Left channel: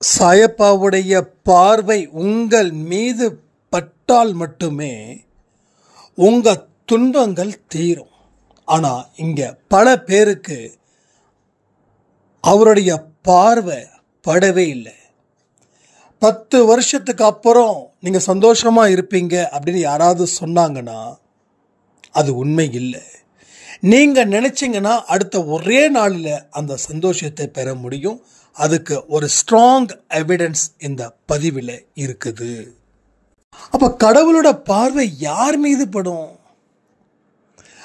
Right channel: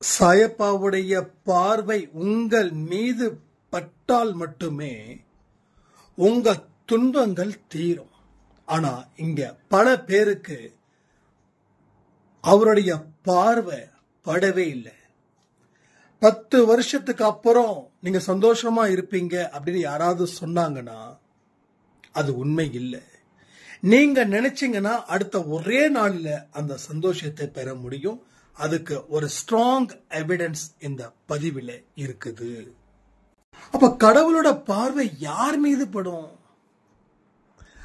சாயப்பாவுடைய பார்வை உங்கள் மீது பட்டால் மட்டுமே உங்க துன்பங்கள் தீரும். ஆனா இங்க பல பேருக்கு அவருடைய பார்வை படவே இல்லை. 10 வருஷத்துக்கு அப்புறம் நீங்க சந்தோஷமா இருப்பீங்க அப்படின்னு யாராவது சொன்னாங்கன்னா அது உண்மை இல்லை. நீங்க நினைச்சீங்கன்னா அடுத்த ஒரே நாளில் அந்த சந்தோஷத்தை பெற முடியும். அதுக்கு ஒரு ஸ்ட்ராங் எவிடன்ஸ் இந்த பதிவில் இருக்குது. அப்ப கடவுளோட பார்வை யார் மீது படும்?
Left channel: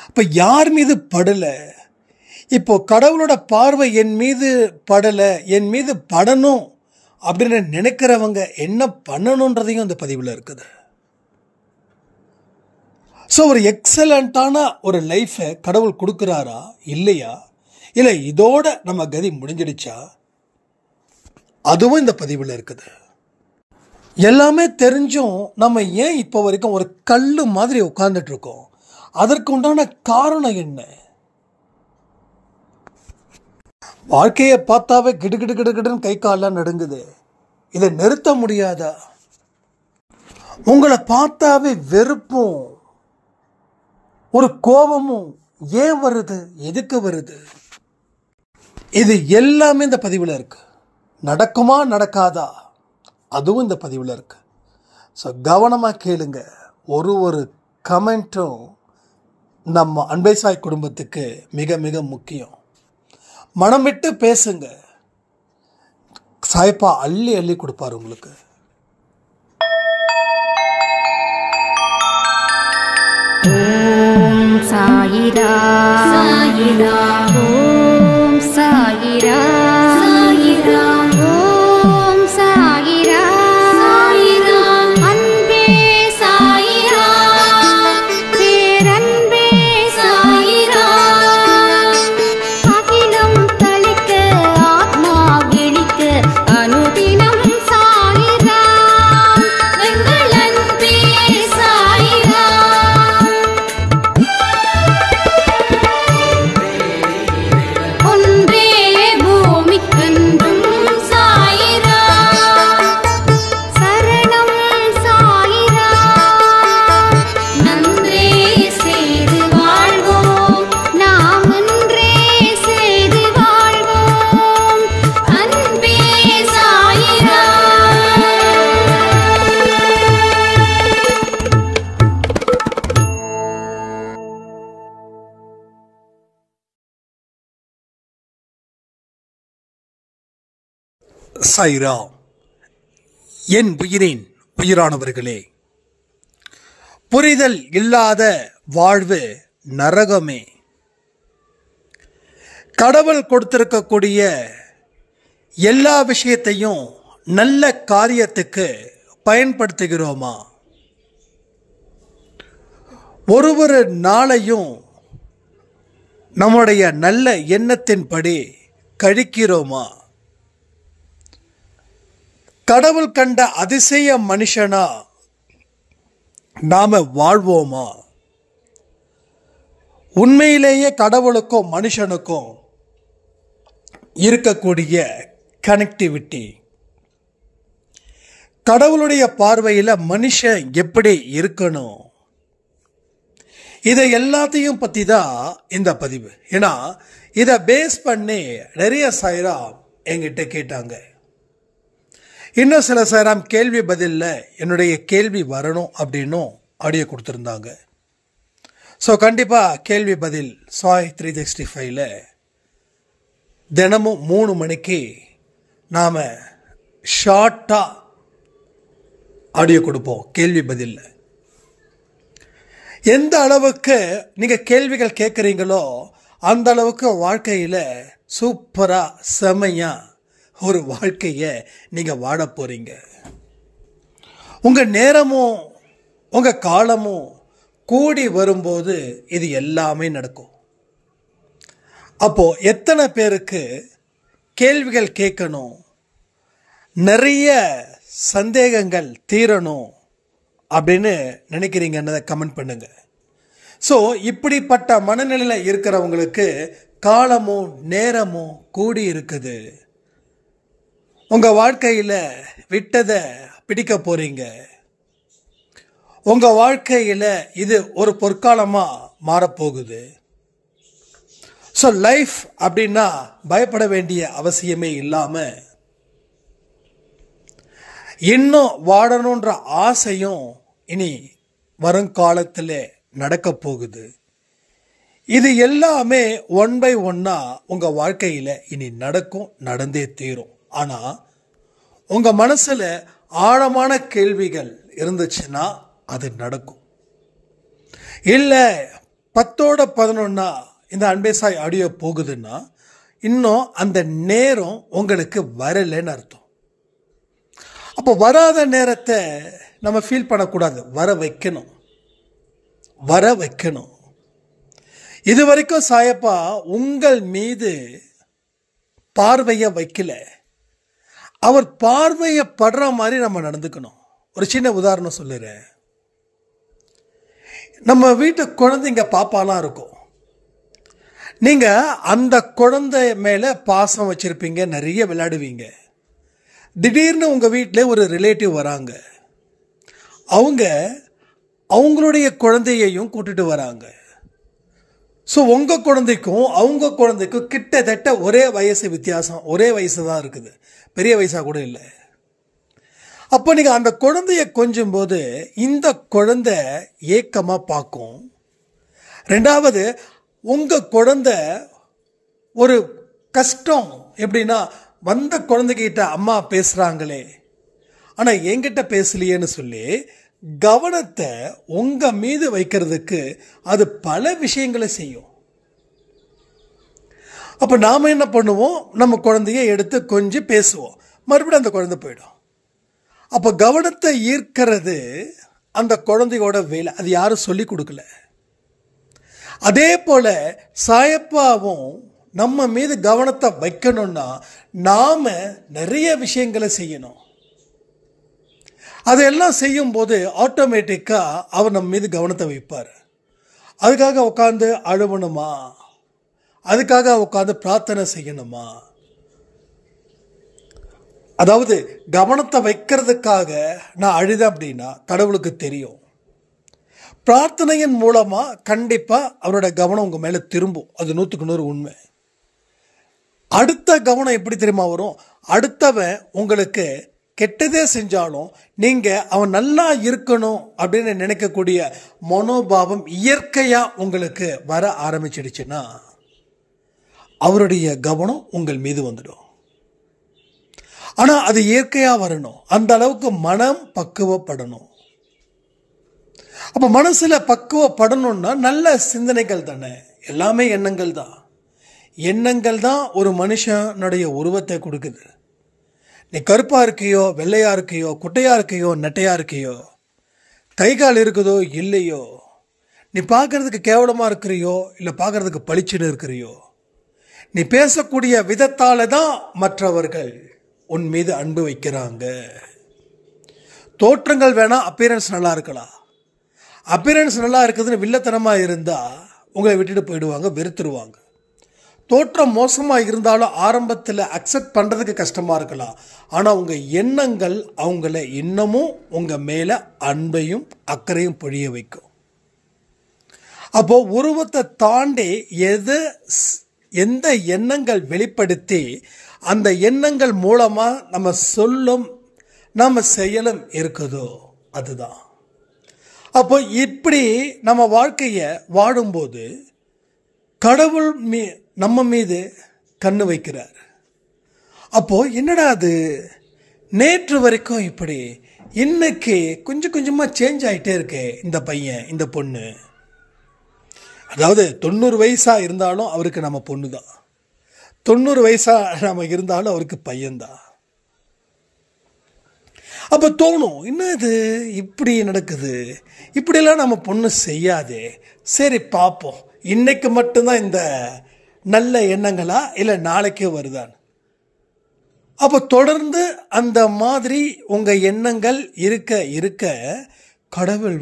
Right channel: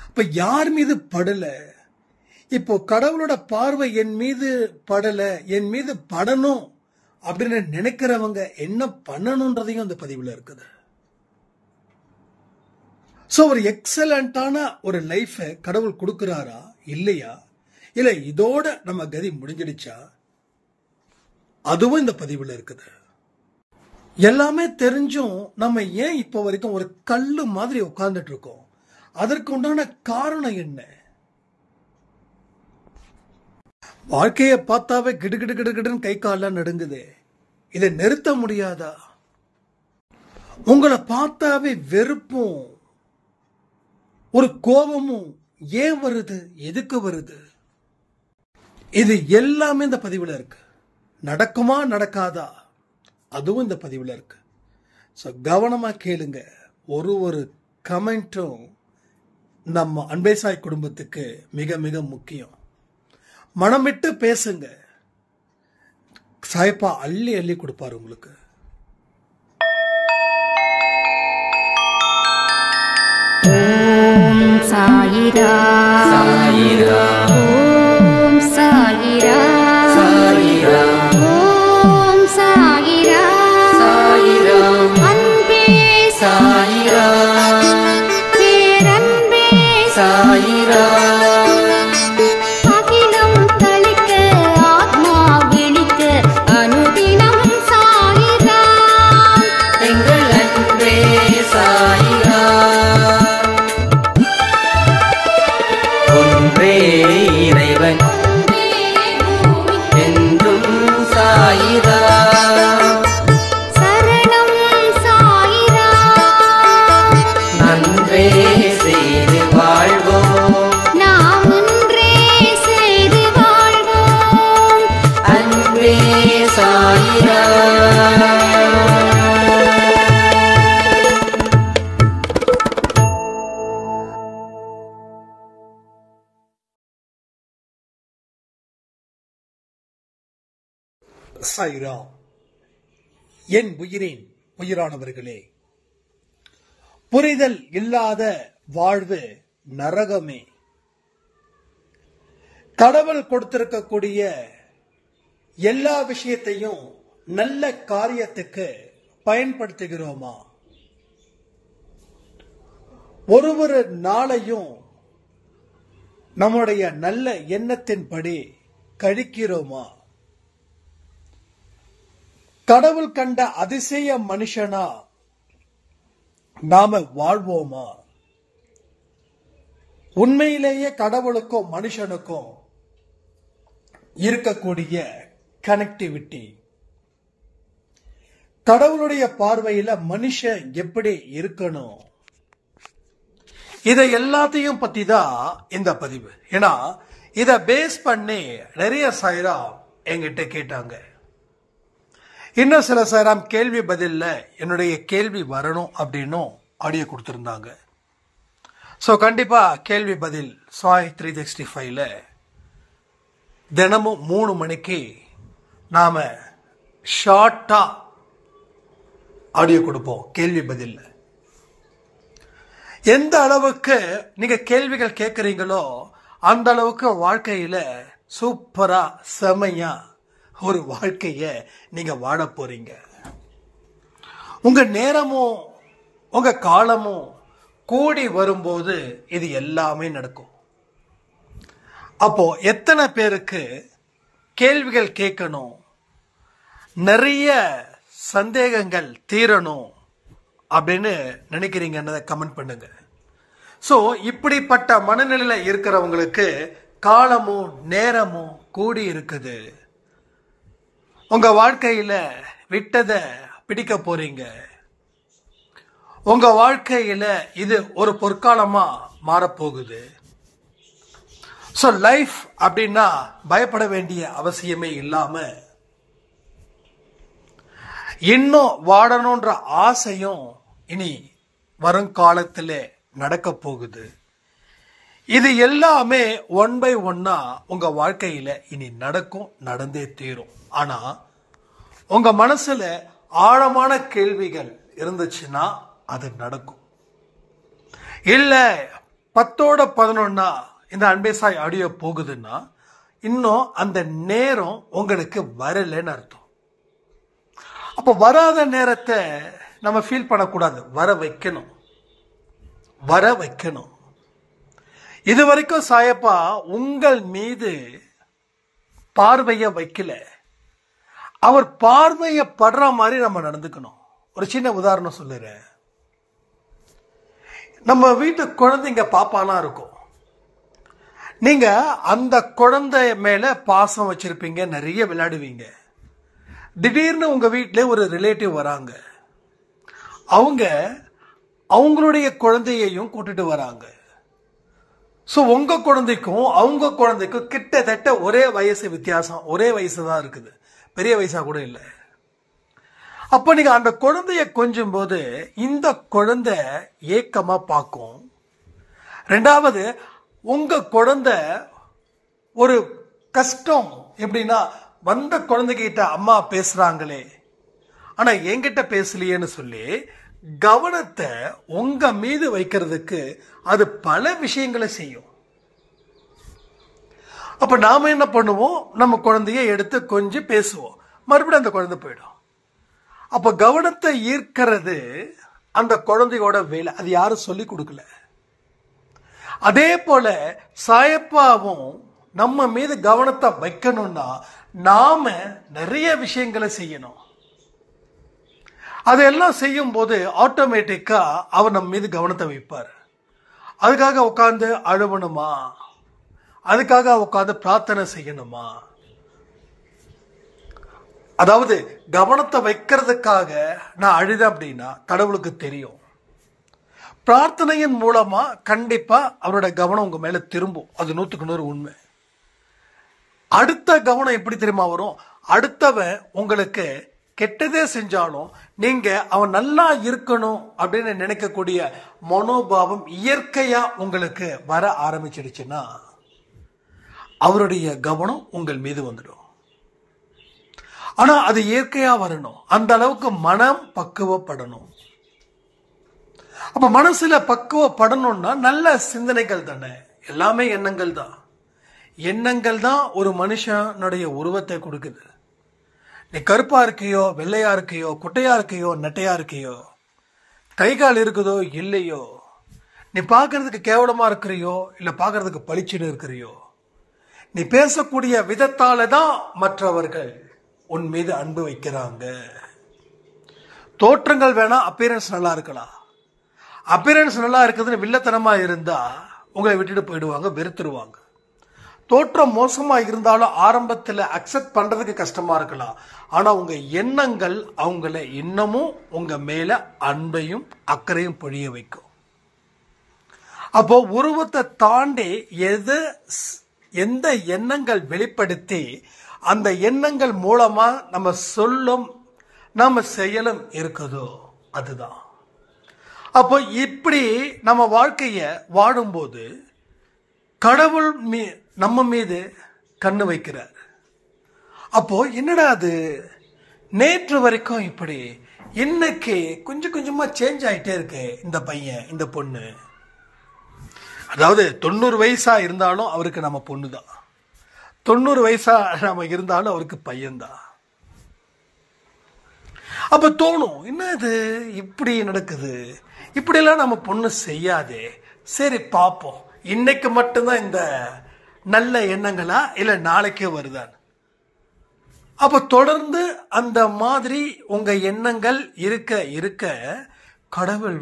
அப்ப யார் மீது படல? இப்போ கடவுளோட பார்வை என் மீது படல, என் மீது படணும் அப்படின்னு நினைக்கிறவங்க என்ன பண்ணணுன்றதையும் அந்த பதிவில் இருக்குது. ஸோ ஒரு எக்ஸலண்டான ஒரு லைஃபை கடவுள் கொடுக்குறாரா இல்லையா, இல்லை இதோட நம்ம கதி முடிஞ்சிடுச்சா, அதுவும் இந்த பதிவில் இருக்குது. எல்லாமே தெரிஞ்சும் நம்ம ஏன் இப்போ வரைக்கும் ஒரு கல்லு மாதிரி உட்கார்ந்துட்டு இருக்கோம்? அதற்கு உண்டான காரணம் என்ன? வாழ்க்கையை பார்த்தாவே கிடுகிடு கிடுகிடுன்னு கை காலெல்லாம் நடுங்குது. இதை நிறுத்த முடியாதா? உங்களை பார்த்தாவே வெறுப்பும் ஒரு கோபமும் ஏன் வருது? எதுக்கு வருது? இது எல்லாமே இந்த பதிவில் இருக்கு. நடக்குமா நடக்காதா அதுவும் இந்த பதிவில் இருக்கு. ஸோ கவனமாக கேளுங்க. ஒரு கமெண்ட்டும் நம்ம அன்பை சாய் குடும்பத்துக்கு மிக மிக முக்கியம். மனம் விட்டு பேசுங்க. சாயப்பா அள்ளி அள்ளி கொடுப்பாரு உங்களுக்கு. ஓம் சாயிரா சாயிரா, ஓம் சாயிரா சாயிரா, ஓம் சாயிரா சாயிரா, அன்பே சாயிரா, பேரன்பே சாயிரா, அகிலம் தளிக்க ஆத்மா விழிக்க அனுதினம் சாயிரா, எங்கள் அன்பே சாயிரா. ஒன்றே பூமிக்கென்றும் சாயிரா, சரணம் சாயிரா, நன்றே செய்து வாழ்வோம், நாம் ஒன்றே செய்து வாழ்வோம், அன்பே சாயிரா. சாயிரா. என் உயிரின் உயிரானவர்களே, புரிதல் இல்லாத வாழ்வு நரகமே. கடவுள் கொடுத்திருக்கக்கூடிய எல்லா விஷயத்தையும் நல்ல காரியத்துக்கு பயன்படுத்துகிறோமா? ஒரு நாளையும் நம்முடைய நல்ல எண்ணத்தின்படி கழிக்கிறோமா? கடவுள் கண்ட அதிசய மனுஷனா நாம வாழ்வோமா? உண்மையிலேயே கடவுளுக்கும் மனுஷனுக்கும் இருக்கக்கூடிய கனெக்டிவிட்டி, கடவுளுடைய பார்வையில் மனுஷன் எப்படி இருக்கணும், இதை எல்லாத்தையும் பத்தி தான் இந்த பதிவு. ஏன்னா இதை பேஸ் பண்ணி நிறைய சாயிரா என்கிட்ட கேட்டாங்க. இன்னும் சில சாயிராம் கேள்வி பதிலில் என்னுடைய கேள்வி வரணும் அப்படின்னும் ஆடியோ கொடுத்துருந்தாங்க. ஸோ கண்டிப்பாக கேள்வி பதில் சாய் 365 தினமும் 3 மணிக்கு நாம் ஷார்ட்டாக ஆடியோ கொடுப்போம். கேள்வி பதிலில் எந்த அளவுக்கு நீங்கள் கேள்விகள் கேட்குறீங்களோ அந்த அளவுக்கு வாழ்க்கையில் சூப்பராக செமையாக ஒரு வாழ்க்கையை நீங்கள் வாழ போறீங்க. உங்கள் நேரமும் உங்கள் காலமும் கூடி வரும்போது இது எல்லாமே நடக்கும். அப்போ எத்தனை பேருக்கு கேள்விகள் கேட்கணும், நிறைய சந்தேகங்கள் தீரணும் அப்படின்னு நினைக்கிறீங்கன்னு கமெண்ட் பண்ணுங்க. ஸோ இப்படிப்பட்ட மனநிலையில் இருக்கிறவங்களுக்கு காலமும் நேரமும் கூடி இருக்குது. உங்க வாழ்க்கையில விட்டதை பிடிக்க போறீங்க. உங்க வாழ்க்கையில இது ஒரு பொற்காலமா மாறப்போகுது. ஸோ லைஃப் அப்படின்னா பயப்பட வேண்டிய அவசியமே இல்லாம இன்னும் வாழணுன்ற ஆசையும் இனி வருங்காலத்தில் நடக்க போகுது. இது எல்லாமே ஒன் பை ஒன்னா உங்க வாழ்க்கையில இனி நடக்கும், நடந்தே தீரும். ஆனா உங்க மனசுல ஆழமான கேள்விகள் இருந்துச்சுன்னா அது நடக்கும். இல்ல 10ஓட 11 இந்த அன்பே சாய் ஆடியோ போகுதுன்னா இன்னும் அந்த நேரம் உங்களுக்கு வரலன்னு அர்த்தம். அப்போ வராத நேரத்தை நம்ம ஃபீல் பண்ணக்கூடாது, வர வைக்கணும், வர வைக்கணும். இது வரைக்கும் சாயப்பா உங்கள் மீது பார்வையை வைக்கல, அவர் பார்வையை படுற மாதிரி நம்ம நடந்துக்கணும். ஒரு சின்ன உதாரணம் சொல்லுறேன். நம்ம வீட்டு குழந்தைங்க பாப்பாலாம் இருக்கும். நீங்க அந்த குழந்தை மேல பாசம் வச்சிருப்பீங்க, நிறைய விளையாடுவீங்க. திடீர்னு உங்க வீட்டில் ஒரு ரிலேட்டிவ் வராங்க. அவங்க அவங்களுடைய குழந்தையையும் கூட்டிட்டு வராங்க. ஸோ உங்க குழந்தைக்கும் அவங்க குழந்தைக்கும் கிட்டத்தட்ட ஒரே வயசு வித்தியாசம், ஒரே வயசு தான் இருக்குது, பெரிய வயசா கூட இல்லை. அப்போ நீங்க அந்த குழந்தைய கொஞ்சும் போது இந்த குழந்தை ஏக்கமா பார்க்கும். ரெண்டாவது, உங்க குழந்தை ஒரு கஷ்டம் எப்படின்னா, வந்த குழந்தைகிட்ட அம்மா பேசுறாங்களே ஆனா என்கிட்ட பேசலையேன்னு சொல்லி கவனத்தை உங்க மீது வைக்கிறதுக்கு அது பல விஷயங்களை செய்யும். அப்ப நாம என்ன பண்ணுவோம், நம்ம குழந்தைய எடுத்து கொஞ்சம் பேசுவோம், மறுபடியும் அந்த குழந்தை போயிடும். அப்ப கவனத்தை ஈர்க்கிறது அந்த குழந்தையோட வேலை, அது யாரும் சொல்லி கொடுக்கல. அதே போல சாயப்பாவும் நம்ம மீது கவனத்தை வைக்கணும்னா நாம நிறைய விஷயங்களை செய்யணும். அதெல்லாம் செய்யும் போது ஆட்டோமேட்டிக்கா அவர் நம்ம மீது கவனத்தை வைப்பார். அதுக்காக உட்காந்து அழுவணுமா, அதுக்காக உட்காந்து பிரார்த்தனை செய்யணுமா? அதாவது கவனத்தை வைக்கிறதுக்காக நான் அழுதேன் அப்படின்னா கடவுளுக்கு தெரியும். பிரார்த்தனையின் மூலமா கண்டிப்பா அவரோட கவனம் உங்க மேல திரும்பும். அது 100க்கு 100 உண்மை. அடுத்த கவனம் எப்படி தெரியுமா வரும்? அடுத்தவன் உங்களுக்கு கெட்டதே செஞ்சாலும் நீங்க அவன் நல்லா இருக்கணும் அப்படின்னு நினைக்கக்கூடிய மனோபாவம் இயற்கையா உங்களுக்கு வர ஆரம்பிச்சிடுச்சுன்னா அவருடைய கவனம் உங்கள் மீது வந்துடும். ஆனா அது இயற்கையா வரணும், அந்த அளவுக்கு மனம் பக்குவப்படணும். அப்ப மனசுல பக்குவப்படணும்னா நல்ல சிந்தனைகள் தானே, எல்லாமே எண்ணங்கள் தான். எண்ணங்கள் தான் ஒரு மனுஷனுடைய உருவத்தை கொடுக்குது. நீ கருப்பா இருக்கியோ, வெள்ளையா இருக்கியோ, குட்டையா இருக்கியோ, நெட்டையா இருக்கியோ, கை கால் இருக்குதோ இல்லையோ, நீ பார்க்கறதுக்கு கேவலமா இருக்கிறியோ இல்ல பார்க்கறதுக்கு பளிச்சுன்னு இருக்கிறியோ, நீ பேசக்கூடிய விதத்தால தான் மற்றவர்கள் உன் மீது அன்பு வைக்கிறாங்க. தோற்றங்கள் வேணா அப்பியரன்ஸ் நல்லா இருக்கலாம், அப்பியரன்ஸ் நல்லா இருக்குதுன்னு வில்லத்தனமா இருந்தா உங்களை விட்டுட்டு போயிடுவாங்க, வெறுத்துருவாங்க. தோற்றம் மோசமா இருந்தாலும் ஆரம்பத்தில் அக்செப்ட் பண்றதுக்கு கஷ்டமா இருக்கலாம். ஆனா உங்க எண்ணங்கள் அவங்கள இன்னமும் உங்க மேல அன்பையும் அக்கறையும் பொழிய வைக்கும். அப்போ உருவத்தை தாண்டி எந்த எண்ணங்கள் வெளிப்படுத்தி அந்த எண்ணங்கள் மூலமா நம்ம சொல்லும் நம்ம செயலும் இருக்குதோ அதுதான். அப்போ இப்படி நம்ம வாழ்க்கைய வாழும்போது கடவுள் நம்ம மீது கண்ணு வைக்கிறார். அப்போ என்னடா அது நேற்று வரைக்கும் இப்படி, இன்னைக்கு கொஞ்சம் கொஞ்சமா சேஞ்ச் ஆயிட்டே இருக்கே இந்த பையன் இந்த பொண்ணு. அதாவது 90 வயசா இருந்தாலும் அவருக்கு நம்ம பொண்ணு தான், 90 வயசா நாம இருந்தாலும் அவருக்கு பையன்தான். அப்ப தோணும், என்ன இது இப்படி நடக்குது, இப்படியெல்லாம் நம்ம பொண்ணு செய்யாதே, சரி பார்ப்போம் இன்னைக்கு மட்டும்தான் இந்த நல்ல எண்ணங்களா இல்ல நாளைக்கே வருதான். அப்ப தொடர்ந்து அந்த மாதிரி உங்க எண்ணங்கள் இருக்க இருக்க கடவுள்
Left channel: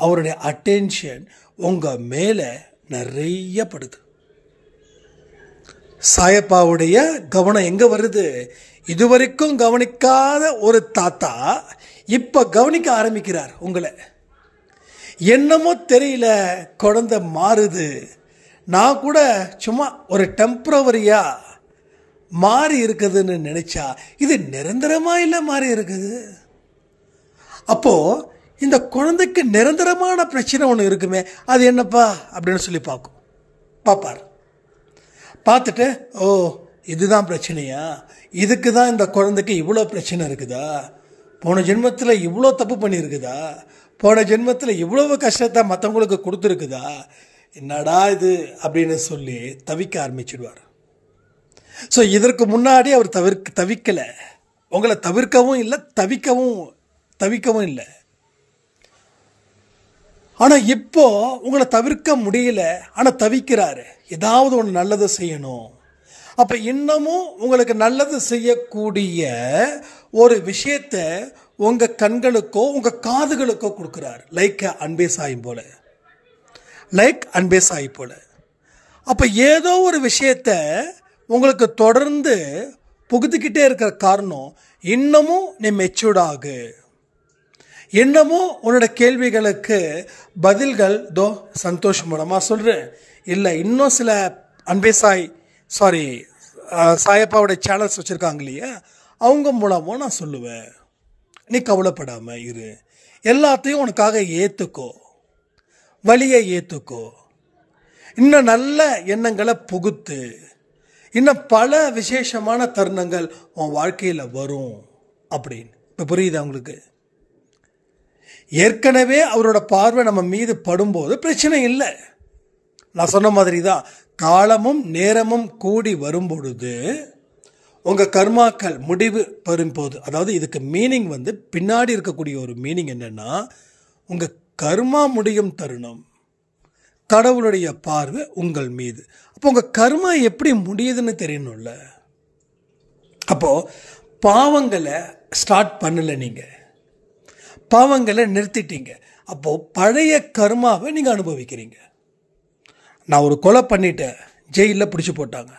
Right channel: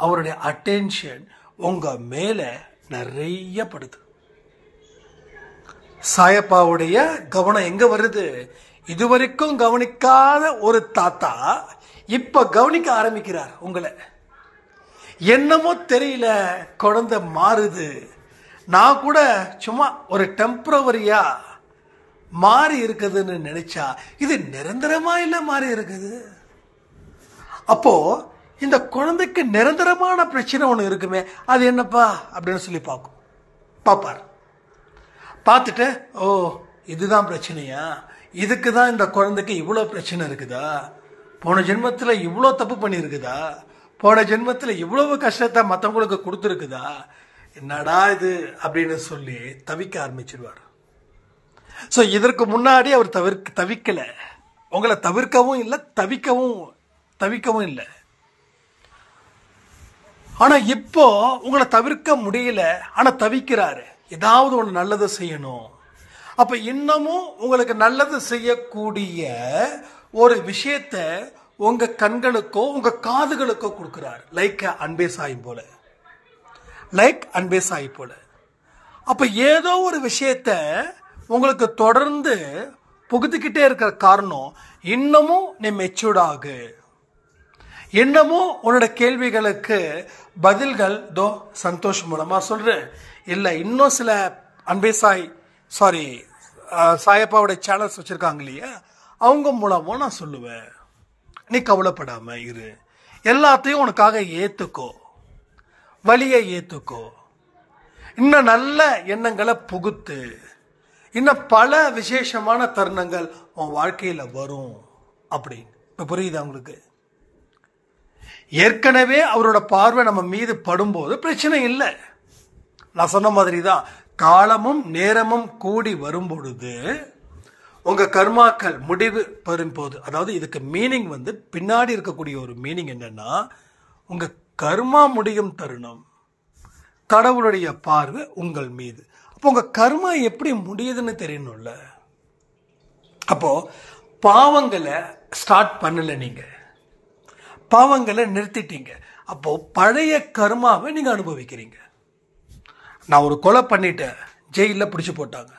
அவருடைய அட்டென்ஷன் உங்க மேல நிறைய படுது. சாயப்பாவுடைய கவனம் எங்க வருது? இதுவரைக்கும் கவனிக்காத ஒரு தாத்தா இப்ப கவனிக்க ஆரம்பிக்கிறார் உங்களை. என்னமோ தெரியல, குழந்தை மாறுது. நான் கூட சும்மா ஒரு டெம்பரவரியா மாறி இருக்குதுன்னு நினைச்சா இது நிரந்தரமா இல்ல மாறி இருக்குது. அப்போ இந்த குழந்தைக்கு நிரந்தரமான பிரச்சனை ஒன்று இருக்குமே, அது என்னப்பா அப்படின்னு சொல்லி பார்ப்பார். பார்த்துட்டு, ஓ இதுதான் பிரச்சனையா, இதுக்கு தான் இந்த குழந்தைக்கு இவ்வளோ பிரச்சனை இருக்குதா, போன ஜென்மத்தில் இவ்வளோ தப்பு பண்ணியிருக்குதா, போன ஜென்மத்தில் இவ்வளவு கஷ்டத்தை மற்றவங்களுக்கு கொடுத்துருக்குதா, என்னடா இது அப்படின்னு சொல்லி தவிக்க ஆரம்பிச்சிடுவார். ஸோ இதற்கு முன்னாடி அவர் தவிக்கலை, உங்களை தவிர்க்கவும் இல்லை, தவிக்கவும் இல்லை. ஆனால் இப்போ உங்களை தவிர்க்க முடியல, ஆனால் தவிக்கிறாரு, ஏதாவது ஒன்று நல்லது செய்யணும். அப்போ இன்னமும் உங்களுக்கு நல்லது செய்யக்கூடிய ஒரு விஷயத்த உங்கள் கண்களுக்கோ உங்கள் காதுகளுக்கோ கொடுக்குறாரு. லைக் அன்பே சாய் போல. அப்போ ஏதோ ஒரு விஷயத்த உங்களுக்கு தொடர்ந்து புகுத்திக்கிட்டே இருக்கிற காரணம், இன்னமும் நீ மெச்சூர்ட் ஆகு, இன்னமும் உன்னோட கேள்விகளுக்கு பதில்கள் சந்தோஷ் மூலமாக சொல்கிறேன். இல்லை இன்னும் சில அன்பே சாயப்பாவோட சேனல்ஸ் வச்சுருக்காங்க இல்லையா, அவங்க மூலமும் நான் சொல்லுவேன். நீ கவலைப்படாம இரு, எல்லாத்தையும் உனக்காக ஏற்றுக்கோ, வழியை ஏற்றுக்கோ, இன்னும் நல்ல எண்ணங்களை புகுத்து, இன்னும் பல விசேஷமான தருணங்கள் உன் வாழ்க்கையில் வரும் அப்படின்னு. இப்போ புரியுதா உங்களுக்கு? ஏற்கனவே அவரோட பார்வை நம்ம மீது படும்போது பிரச்சனை இல்லை. நான் சொன்ன மாதிரி தான், காலமும் நேரமும் கூடி வரும்பொழுது உங்கள் கர்மாக்கள் முடிவு பெறும்போது, அதாவது இதுக்கு மீனிங் பின்னாடி இருக்கக்கூடிய ஒரு மீனிங் என்னன்னா, உங்கள் கர்மா முடியும் தருணம் கடவுளுடைய பார்வை உங்கள் மீது. அப்போ உங்கள் கர்மா எப்படி முடியுதுன்னு தெரியணும்ல. அப்போது பாவங்களை ஸ்டார்ட் பண்ணலை, நீங்கள் பாவங்களை நிறுத்திட்டீங்க. அப்போது பழைய கர்மாவை நீங்கள் அனுபவிக்கிறீங்க. நான் ஒரு கொலை பண்ணிட்டேன், ஜெயிலில் பிடிச்சி போட்டாங்க.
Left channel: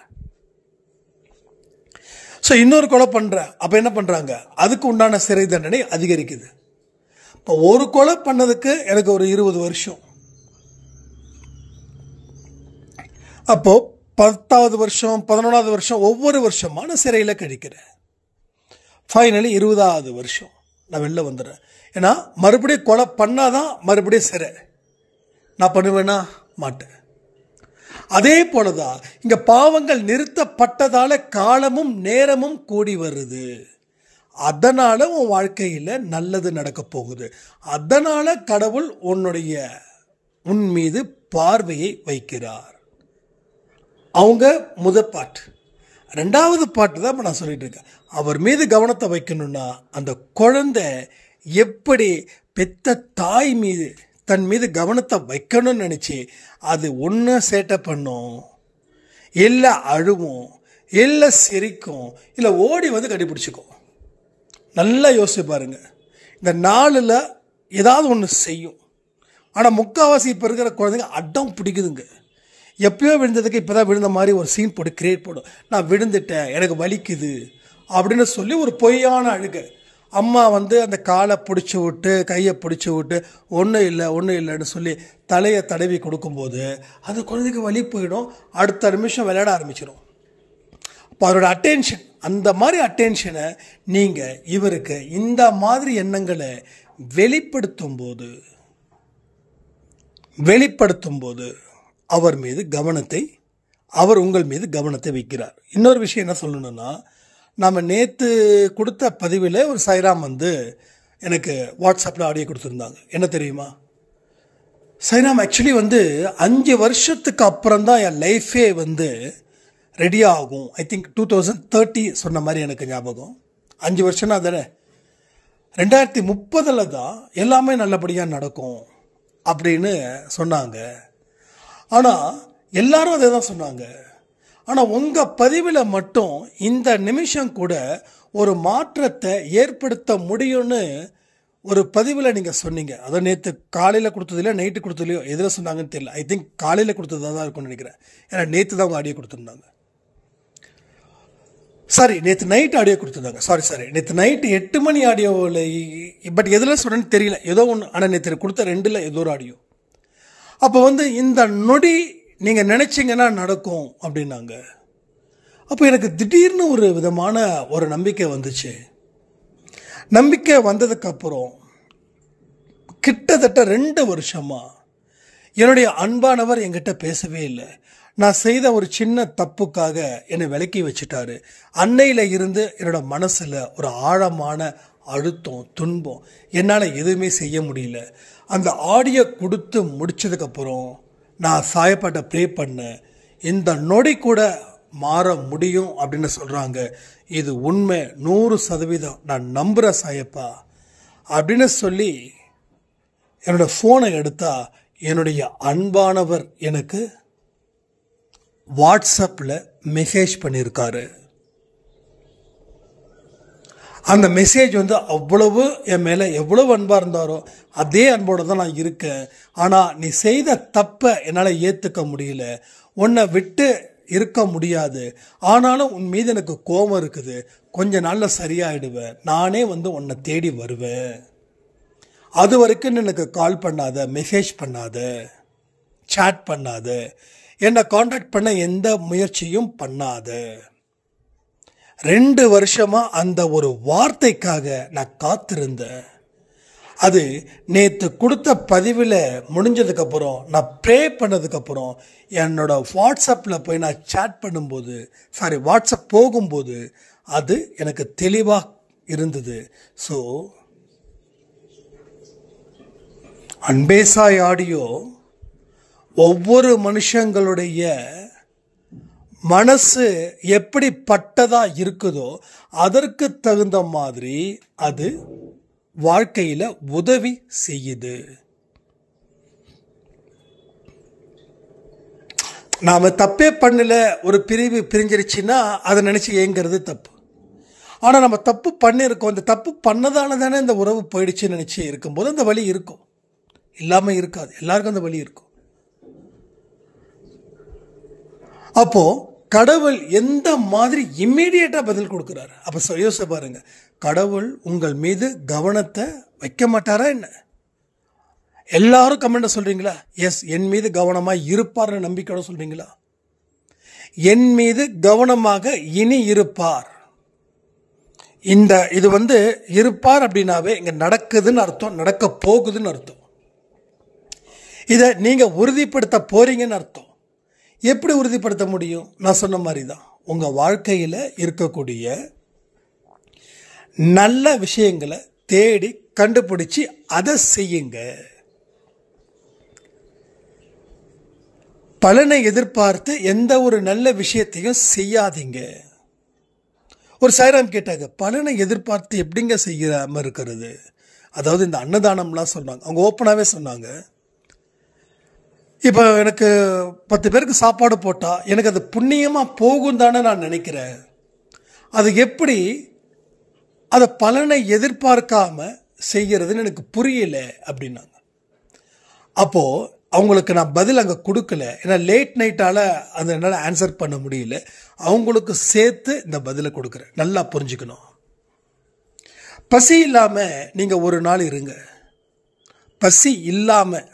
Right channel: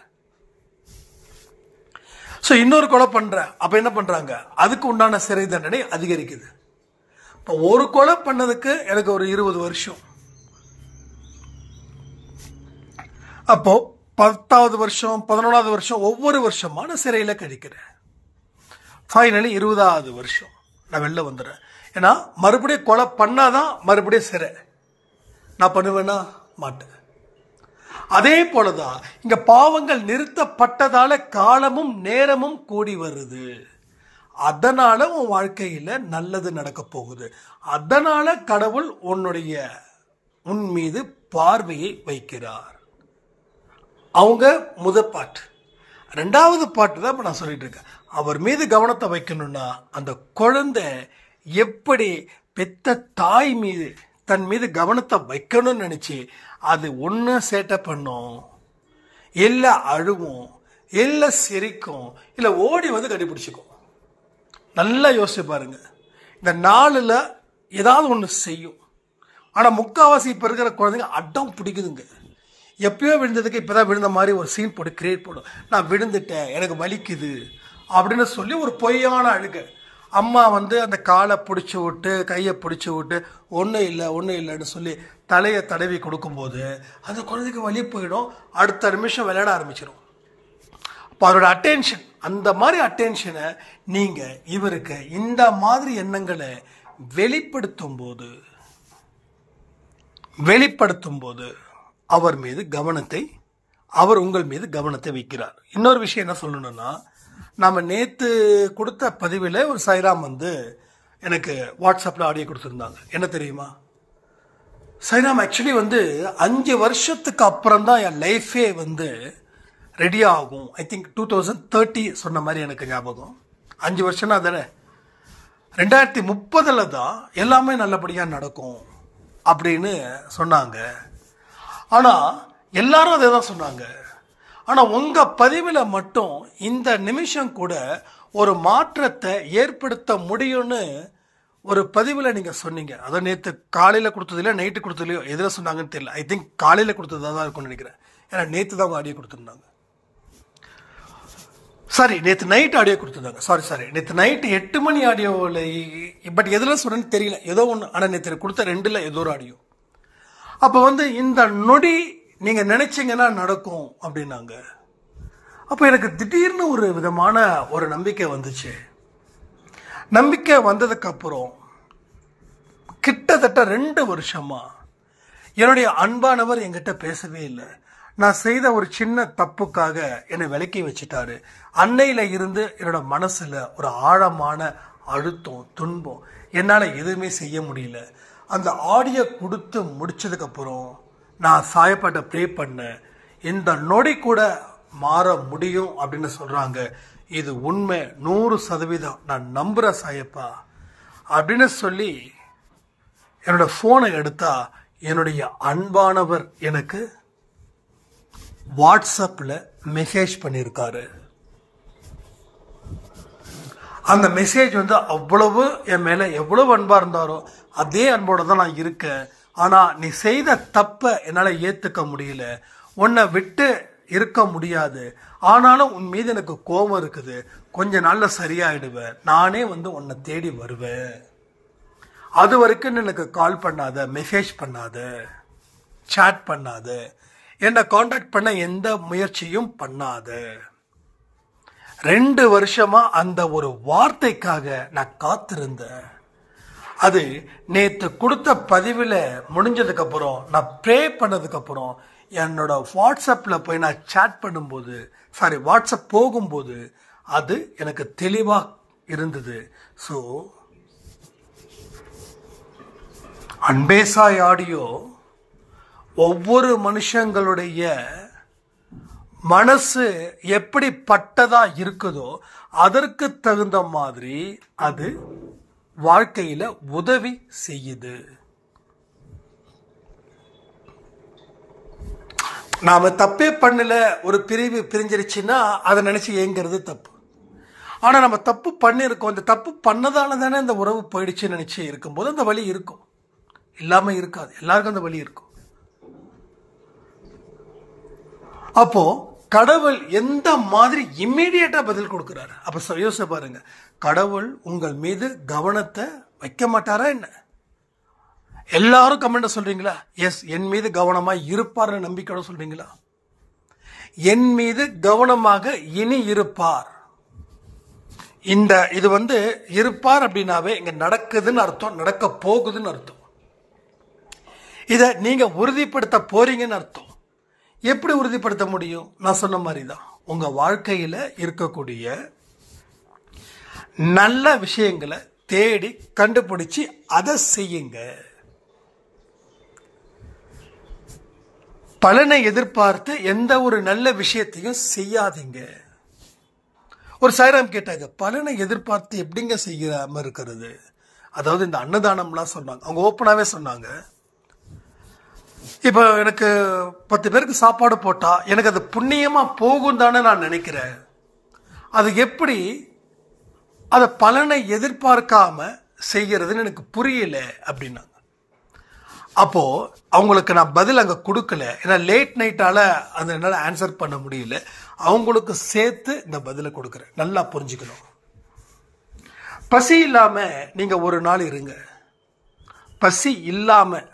ஸோ இன்னொரு கொலை பண்ணுறேன், அப்போ என்ன பண்ணுறாங்க, அதுக்கு உண்டான சிறை தண்டனை அதிகரிக்குது. இப்போ ஒரு கொலை பண்ணதுக்கு எனக்கு ஒரு 20 வருஷம், அப்போது 10வது வருஷம் 11வது வருஷம் ஒவ்வொரு வருஷமான சிறையில் கழிக்கிறேன். ஃபைனலி 20வது வருஷம் நான் வெளில வந்துடுறேன். ஏன்னா மறுபடியும் கொலை பண்ணாதான் மறுபடியும் சிறை. நான் பண்ணுவேன்னா மாட்டேன். அதே போலதான் இங்க பாவங்கள் நிறுத்தப்பட்டதால காலமும் நேரமும் கூடி வருது. அதனால உன் வாழ்க்கையில நல்லது நடக்க போகுது. அதனால கடவுள் உன் மீது பார்வையை வைக்கிறார். அவங்க முதல் பாட்டு. 2வது பாட்டு தான் நான் சொல்லிட்டு இருக்கேன். அவர் மீது கவனத்தை வைக்கணும்னா அந்த குழந்தை எப்படி பெத்த தாய் மீது தன் மீது கவனத்தை வைக்கணும்னு நினைச்சு அது ஒன்று சேட்டை பண்ணும், இல்லை அழுவும், இல்லை சிரிக்கும், இல்லை ஓடி கண்டுபிடிச்சிக்கும். நல்லா யோசிச்சு பாருங்க. இந்த 4ல் ஏதாவது ஒன்று செய்யும். ஆனால் முக்கால்வாசி இப்போ இருக்கிற குழந்தைங்க அடம் பிடிக்குதுங்க. எப்பயோ விழுந்ததுக்கு இப்போ தான் விழுந்த மாதிரி ஒரு சீன் போட்டு கிரியேட் பண்ணும். நான் விழுந்துட்டேன், எனக்கு வலிக்குது அப்படின்னு சொல்லி ஒரு பொய்யான அழுகை. அம்மா அந்த காலை பிடிச்சி விட்டு கையை பிடிச்சி விட்டு ஒன்றும் இல்லைன்னு சொல்லி தலையை தடவி கொடுக்கும்போது அந்த குழந்தைக்கு வலி போயிடும். அடுத்த நிமிஷம் விளையாட ஆரம்பிச்சிடும். அப்போ அவரோட அட்டென்ஷன், அந்த மாதிரி அட்டென்ஷனை நீங்கள் இவருக்கு இந்த மாதிரி எண்ணங்களை வெளிப்படுத்தும் போது அவர் உங்கள் மீது கவனத்தை வைக்கிறார். இன்னொரு விஷயம் என்ன சொல்லணும்னா, நாம் நேற்று கொடுத்த பதிவில் ஒரு சாய்ராம் எனக்கு வாட்ஸ்அப்பில் ஆடியோ கொடுத்துருந்தாங்க. என்ன தெரியுமா, சாய்ராம் ஆக்சுவலி 5 வருஷத்துக்கு அப்புறம் தான் என் லைஃபே ரெடி ஆகும். ஐ திங்க் 2030 சொன்ன மாதிரி எனக்கு ஞாபகம். 5 வருஷம்னா தானே, 2030 தான் எல்லாமே நல்லபடியாக நடக்கும் அப்படின்னு சொன்னாங்க. ஆனால் எல்லாரும் அதே தான் சொன்னாங்க. ஆனால் உங்கள் பதிவில் மட்டும் இந்த நிமிஷம் கூட ஒரு மாற்றத்தை ஏற்படுத்த முடியும்னு ஒரு பதிவில் நீங்கள் சொன்னீங்க. அதை நேற்று காலையில் கொடுத்ததில்லையோ நைட்டு கொடுத்ததில்லையோ எதில் சொன்னாங்கன்னு தெரியல. ஐ திங்க் காலையில் கொடுத்ததாக தான் இருக்கும்னு நினைக்கிறேன். ஏன்னா நேற்று தான் அவங்க ஆடியோ கொடுத்துருந்தாங்க. சாரி நேற்று நைட் ஆடியோ கொடுத்துருந்தாங்க. சாரி நேற்று நைட்டு 8 மணி ஆடியோவில், பட் எதில் சொல்கிறேன்னு தெரியல, ஏதோ ஒன்று. ஆனால் நேற்று கொடுத்த 2ல் ஏதோ ஒரு ஆடியோ. அப்போ இந்த நொடி நீங்கள் நினச்சிங்கன்னா நடக்கும் அப்படின்னாங்க. அப்போ எனக்கு திடீர்னு ஒரு விதமான ஒரு நம்பிக்கை வந்துச்சு. நம்பிக்கை வந்ததுக்கப்புறம் கிட்டத்தட்ட 2 வருஷமாக என்னுடைய அன்பானவர் என்கிட்ட பேசவே இல்லை. நான் செய்த ஒரு சின்ன தப்புக்காக என்னை விலக்கி வச்சுட்டாரு. அன்னையில் இருந்து என்னோட மனசில் ஒரு ஆழமான அழுத்தம், துன்பம், என்னால் எதுவுமே செய்ய முடியல. அந்த ஆடியோ கொடுத்து முடிச்சதுக்கப்புறம் நான் சாயப்பாட்ட ப்ரே பண்ணேன். இந்த நொடி கூட மாற முடியும் அப்படின்னு சொல்கிறாங்க. இது உண்மை, 100% நான் நம்புகிற சாயப்பா அப்படின்னு சொல்லி என்னோட ஃபோனை எடுத்தா என்னுடைய அன்பானவர் எனக்கு வாட்ஸ்அப்பில் மெசேஜ் பண்ணியிருக்காரு. அந்த மெசேஜ் அவ்வளவு என் மேலே எவ்வளவு அன்பாக இருந்தாரோ அதே அன்போடு தான் நான் இருக்கேன். ஆனால் நீ செய்த தப்பை என்னால் ஏற்றுக்க முடியல, உன்னை விட்டு இருக்க முடியாது. ஆனாலும் உன் மீது எனக்கு கோபம் இருக்குது. கொஞ்ச நாளில் சரியாயிடுவேன். நானே உன்னை தேடி வருவேன். அது வரைக்கும் எனக்கு கால் பண்ணாத, மெசேஜ் பண்ணாத, சாட் பண்ணாத, என்னை காண்டாக்ட் பண்ண எந்த முயற்சியும் பண்ணாத. 2 வருஷமாக அந்த ஒரு வார்த்தைக்காக நான் காத்திருந்தேன். அது நேற்று கொடுத்த பதிவில் முடிஞ்சதுக்கப்புறம், நான் ப்ரே பண்ணதுக்கப்புறம், என்னோட வாட்ஸ்அப்பில் போய் நான் சாட் பண்ணும்போது, வாட்ஸ்அப் போகும்போது அது எனக்கு தெளிவாக இருந்தது. ஸோ அன்பேசாய் ஆடியோ ஒவ்வொரு மனுஷங்களுடைய மனசு எப்படிப்பட்டதா இருக்குதோ அதற்கு தகுந்த மாதிரி அது வாழ்க்கையில் உதவி செய்யுது. நாம தப்பே பண்ணல, ஒரு பிரிவு பிரிஞ்சிருச்சுன்னா அதை நினைச்சு ஏங்கிறது தப்பு. ஆனால் நம்ம தப்பு பண்ணியிருக்கோம், அந்த தப்பு பண்ணதால தானே இந்த உறவு போயிடுச்சுன்னு நினைச்சு இருக்கும்போது அந்த வலி இருக்கும், இல்லாமல் இருக்காது. எல்லாருக்கும் அந்த வலி இருக்கும். அப்போ கடவுள் எந்த மாதிரி இம்மீடியட்டா பதில் கொடுக்கிறாரு? அப்ப யோசிச்சு பாருங்க, கடவுள் உங்கள் மீது கவனத்தை வைக்க மாட்டாரா என்ன? எல்லாரும் கமெண்ட் சொல்றீங்களா? எஸ், என் மீது கவனமா இருப்பார் நம்பிக்கையோட சொல்றீங்களா? என் மீது கவனமாக இனி இருப்பார். இது இருப்பார் அப்படின்னாவே இங்க நடக்குதுன்னு அர்த்தம், நடக்க போகுதுன்னு அர்த்தம். இதை நீங்க உறுதிப்படுத்த போறீங்கன்னு அர்த்தம். எப்படி உறுதிப்படுத்த முடியும்? நான் சொன்ன மாதிரி தான், உங்க வாழ்க்கையில இருக்கக்கூடிய நல்ல விஷயங்களை தேடி கண்டுபிடிச்சு அதை செய்யுங்க. பலனை எதிர்பார்த்து எந்த ஒரு நல்ல விஷயத்தையும் செய்யாதீங்க. ஒரு சாய்ராம் கேட்டாங்க, பலனை எதிர்பார்த்து எப்படிங்க செய்யாம இருக்கிறது? அதாவது இந்த அன்னதானம்லாம் சொன்னாங்க, அவங்க ஓப்பனாவே சொன்னாங்க. இப்போ எனக்கு 10 பேருக்கு சாப்பாடு போட்டால் எனக்கு அது புண்ணியமாக போகும் தானே நான் நினைக்கிறேன். அது எப்படி அதை பலனை எதிர்பார்க்காம செய்கிறதுன்னு எனக்கு புரியல அப்படின்னாங்க. அப்போது அவங்களுக்கு நான் பதில் அங்கே கொடுக்கல, ஏன்னா லேட் நைட்டால் அதை என்னால் ஆன்சர் பண்ண முடியல. அவங்களுக்கு சேர்த்து இந்த பதிலை கொடுக்குறேன், நல்லா புரிஞ்சுக்கணும். பசி இல்லாமல் நீங்கள் ஒரு நாள் இருங்க, பசி இல்லாமல்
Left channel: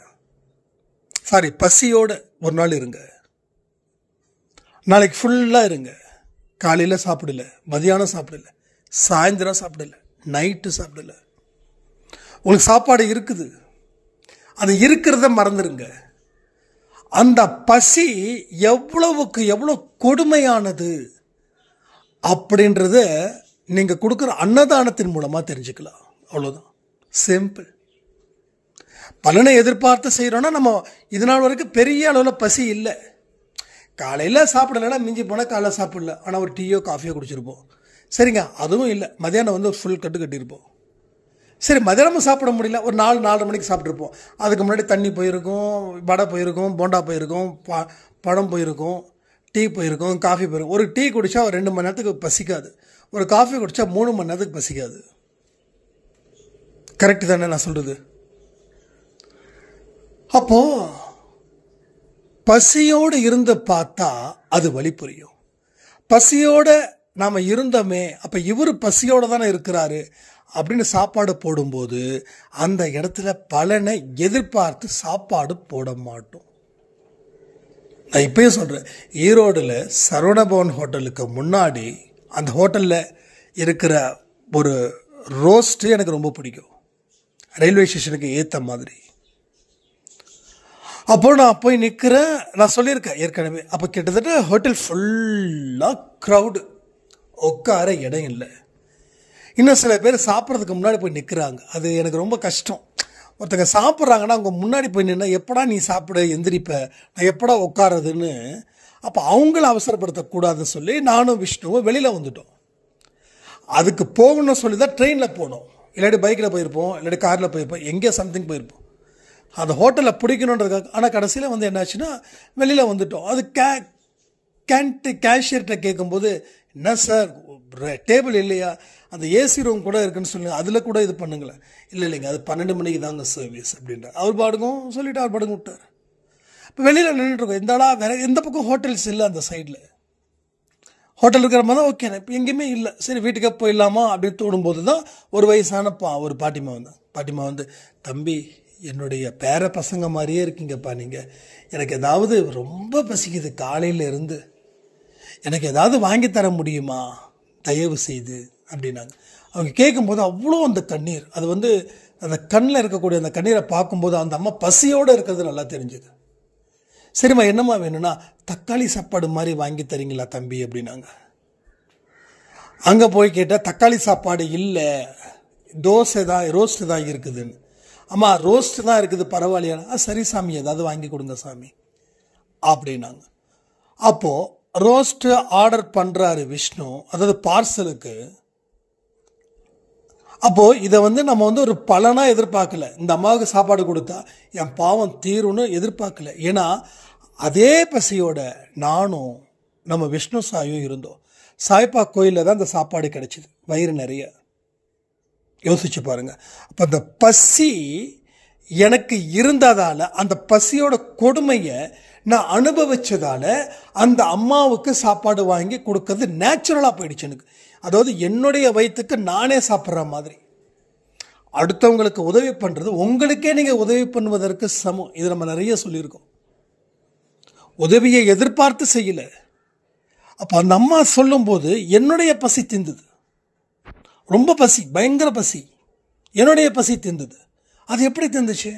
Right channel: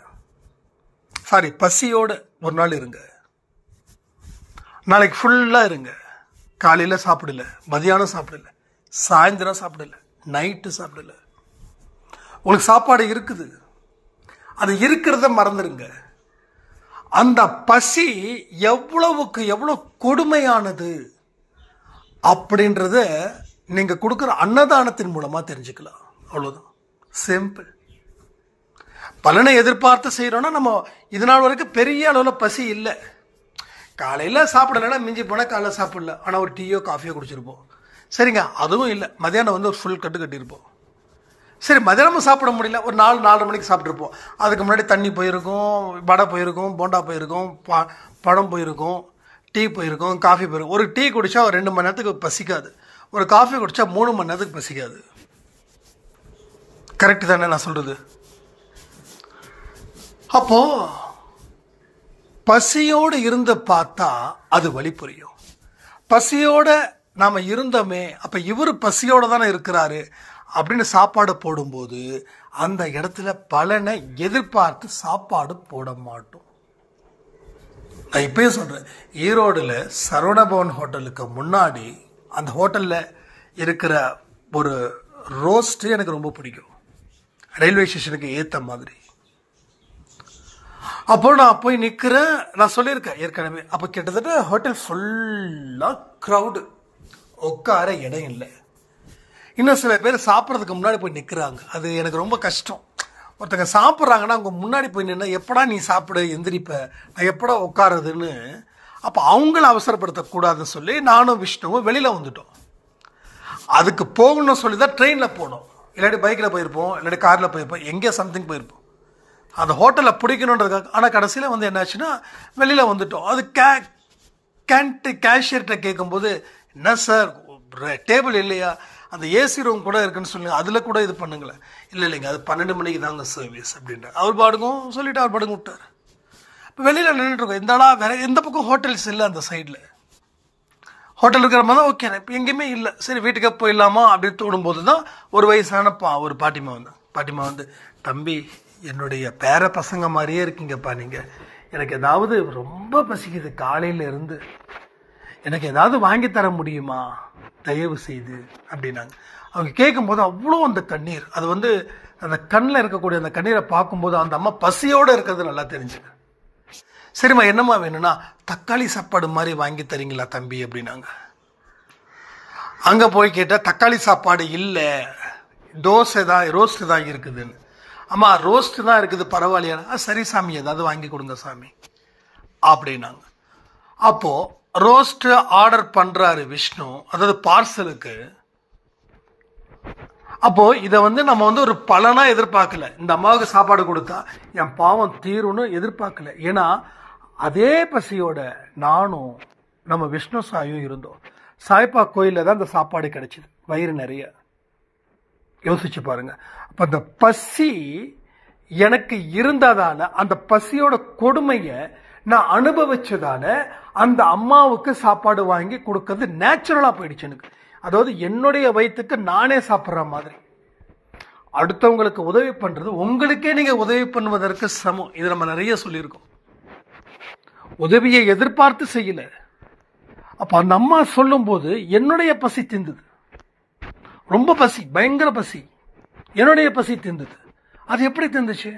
பசியோட ஒரு நாள் இருங்க, நாளைக்கு ஃபுல்லாக இருங்க. காலையில் சாப்பிடல, மதியானம் சாப்பிடல, சாயந்தரம் சாப்பிடல, நைட்டு சாப்பிடல. உங்களுக்கு சாப்பாடு இருக்குது, அது இருக்கிறத மறந்துடுங்க. அந்த பசி எவ்வளவுக்கு எவ்வளோ கொடுமையானது அப்படின்றத நீங்கள் கொடுக்குற அன்னதானத்தின் மூலமாக தெரிஞ்சுக்கலாம். அவ்வளோதான், சிம்பிள். பலனை எதிர்பார்த்து செய்கிறோன்னா நம்ம இதனால் வரைக்கும் பெரிய அளவில் பசி இல்லை. காலையில் சாப்பிடலைன்னா மிஞ்சி போனால் காலையில் சாப்பிடல, ஆனால் ஒரு டீயோ காஃபியோ குடிச்சிருப்போம். சரிங்க, அதுவும் இல்லை. மதியானம் ஒரு ஃபுல் கட்டு கட்டியிருப்போம். சரி, மதியானமும் சாப்பிட முடியல, ஒரு 4-4:30 மணிக்கு சாப்பிட்ருப்போம். அதுக்கு முன்னாடி தண்ணி போயிருக்கும், வடை போயிருக்கும், போண்டா போயிருக்கும், பழம் போயிருக்கும், டீ போயிருக்கும், காஃபி போயிருக்கும். ஒரு டீ குடித்தா ஒரு 2 மணி நேரத்துக்கு பசிக்காது, ஒரு காஃபி குடித்தா 3 மணி நேரத்துக்கு பசிக்காது. கரெக்டு தானே நான் சொல்கிறது? அப்போது பசியோடு இருந்து பார்த்தா அது வலி புரியும். பசியோட நாம் இருந்தோமே, அப்போ இவர் பசியோடு தானே இருக்கிறாரு அப்படின்னு சாப்பாடு போடும்போது அந்த இடத்துல பலனை எதிர்பார்த்து சாப்பாடு போட மாட்டோம். நான் இப்பயே சொல்கிறேன், ஈரோடில் சரவணபவன் ஹோட்டலுக்கு முன்னாடி அந்த ஹோட்டலில் இருக்கிற ஒரு ரோஸ்ட்டு எனக்கு ரொம்ப பிடிக்கும், ரயில்வே ஸ்டேஷனுக்கு ஏற்ற மாதிரி. அப்போ நான் போய் நிற்கிறேன், நான் சொல்லியிருக்கேன் ஏற்கனவே. அப்போ கிட்டத்தட்ட ஹோட்டல் ஃபுல்லாக க்ரௌடு, உட்கார இடம் இல்லை. இன்னும் சில பேர் சாப்பிட்றதுக்கு முன்னாடி போய் நிற்கிறாங்க. அது எனக்கு ரொம்ப கஷ்டம். ஒருத்தங்க சாப்பிட்றாங்கன்னா அவங்க முன்னாடி போய் நின்னா எப்படா நீ சாப்பிட எந்திரிப்ப, நான் எப்படா உட்காரதுன்னு. அப்போ அவங்கள அவசரப்படுத்தக்கூடாதுன்னு சொல்லி நானும் விஷ்ணுவும் வெளியில் வந்துட்டோம். அதுக்கு போகணும்னு சொல்லி தான் ட்ரெயினில் போனோம், இல்லாட்டி பைக்கில் போயிருப்போம், இல்லாட்டி காரில் போயிருப்போம், எங்கேயோ சம்திங் போயிருப்போம். அந்த ஹோட்டலில் பிடிக்கணுன்றதுக்காக. ஆனால் கடைசியில் வந்து என்னாச்சுன்னா வெளியில் வந்துட்டோம். அது கேஷியர்கிட்ட கேட்கும்போது, என்ன சார் டேபிள் இல்லையா, அந்த ஏசி ரூம் கூட இருக்குன்னு சொல்லுங்க, அதில் கூட இது பண்ணுங்களேன். இல்லை இல்லைங்க, அது 12 மணிக்கு தாங்க சர்வீஸ் அப்படின்ற. அவர் பாடுக்கும் சொல்லிவிட்டு அவர் பாடுங்க விட்டார். இப்போ வெளியில் நின்றுட்டுருக்கோம். இந்தாடா வேறு எந்த பக்கம் ஹோட்டல்ஸ் இல்லை, அந்த சைடில் ஹோட்டல் இருக்கிற மாதிரி தான். ஓகே, இப்போ எங்கேயுமே இல்லை. சரி வீட்டுக்கே போயிடலாமா அப்படின்னு தோணும்போது தான் ஒரு வயசான ஒரு பாட்டிமா வந்தேன். பாட்டிமா வந்து, தம்பி என்னுடைய பேர பசங்க மாதிரியே இருக்கீங்கப்பா நீங்கள், எனக்கு ஏதாவது ரொம்ப பசிக்குது காலையில் இருந்து, எனக்கு ஏதாவது வாங்கி தர முடியுமா தயவு செய்து அப்படின்னாங்க. அவங்க கேட்கும்போது அவ்வளோ அந்த கண்ணீர், அது வந்து அந்த கண்ணில் இருக்கக்கூடிய அந்த கண்ணீரை பார்க்கும்போது அந்த அம்மா பசியோடு இருக்கிறது நல்லா தெரிஞ்சுது. சரிம்மா என்னம்மா வேணும்னா, தக்காளி சாப்பாடு மாதிரி வாங்கி தரீங்களா தம்பி அப்படின்னாங்க. அங்கே போய் கேட்டால் தக்காளி சாப்பாடு இல்லை, தோசை தான், ரோஸ்ட்டு தான் இருக்குதுன்னு. அம்மா ரோஸ்ட்டு தான் இருக்குது பரவாயில்லையா, சரி சாமி ஏதாவது வாங்கி கொடுங்க சாமி அப்படின்னாங்க. அப்போது ரோஸ்ட்டு ஆர்டர் பண்ணுறாரு விஷ்ணு, அதாவது பார்சலுக்கு. அப்போது இதை வந்து நம்ம வந்து ஒரு பலனாக எதிர்பார்க்கல, இந்த அம்மாவுக்கு சாப்பாடு கொடுத்தா என் பாவம் தீரும்னு எதிர்பார்க்கல. ஏன்னா அதே பசியோட நானும் நம்ம விஷ்ணு சாயும் இருந்தோம். சாய்பா கோயிலில் தான் அந்த சாப்பாடு கிடைச்சிது, வயிறு நிறைய. யோசிச்சு பாருங்க. அப்போ அந்த பசி எனக்கு இருந்ததால், அந்த பசியோட கொடுமையை நான் அனுபவிச்சதால அந்த அம்மாவுக்கு சாப்பாடு வாங்கி கொடுக்கறது நேச்சுரலாக போயிடுச்சு எனக்கு. அதாவது என்னுடைய வயிற்றுக்கு நானே சாப்பிட்ற மாதிரி. அடுத்தவங்களுக்கு உதவி பண்ணுறது உங்களுக்கே நீங்கள் உதவி பண்ணுவதற்கு சமம். இது நம்ம நிறைய சொல்லியிருக்கோம். உதவியை எதிர்பார்த்து செய்யலை. அப்போ அந்த அம்மா சொல்லும்போது என்னுடைய பசி திந்தது, ரொம்ப பசி, பயங்கர பசி, என்னுடைய பசி திந்தது. அது எப்படி திந்துச்சு?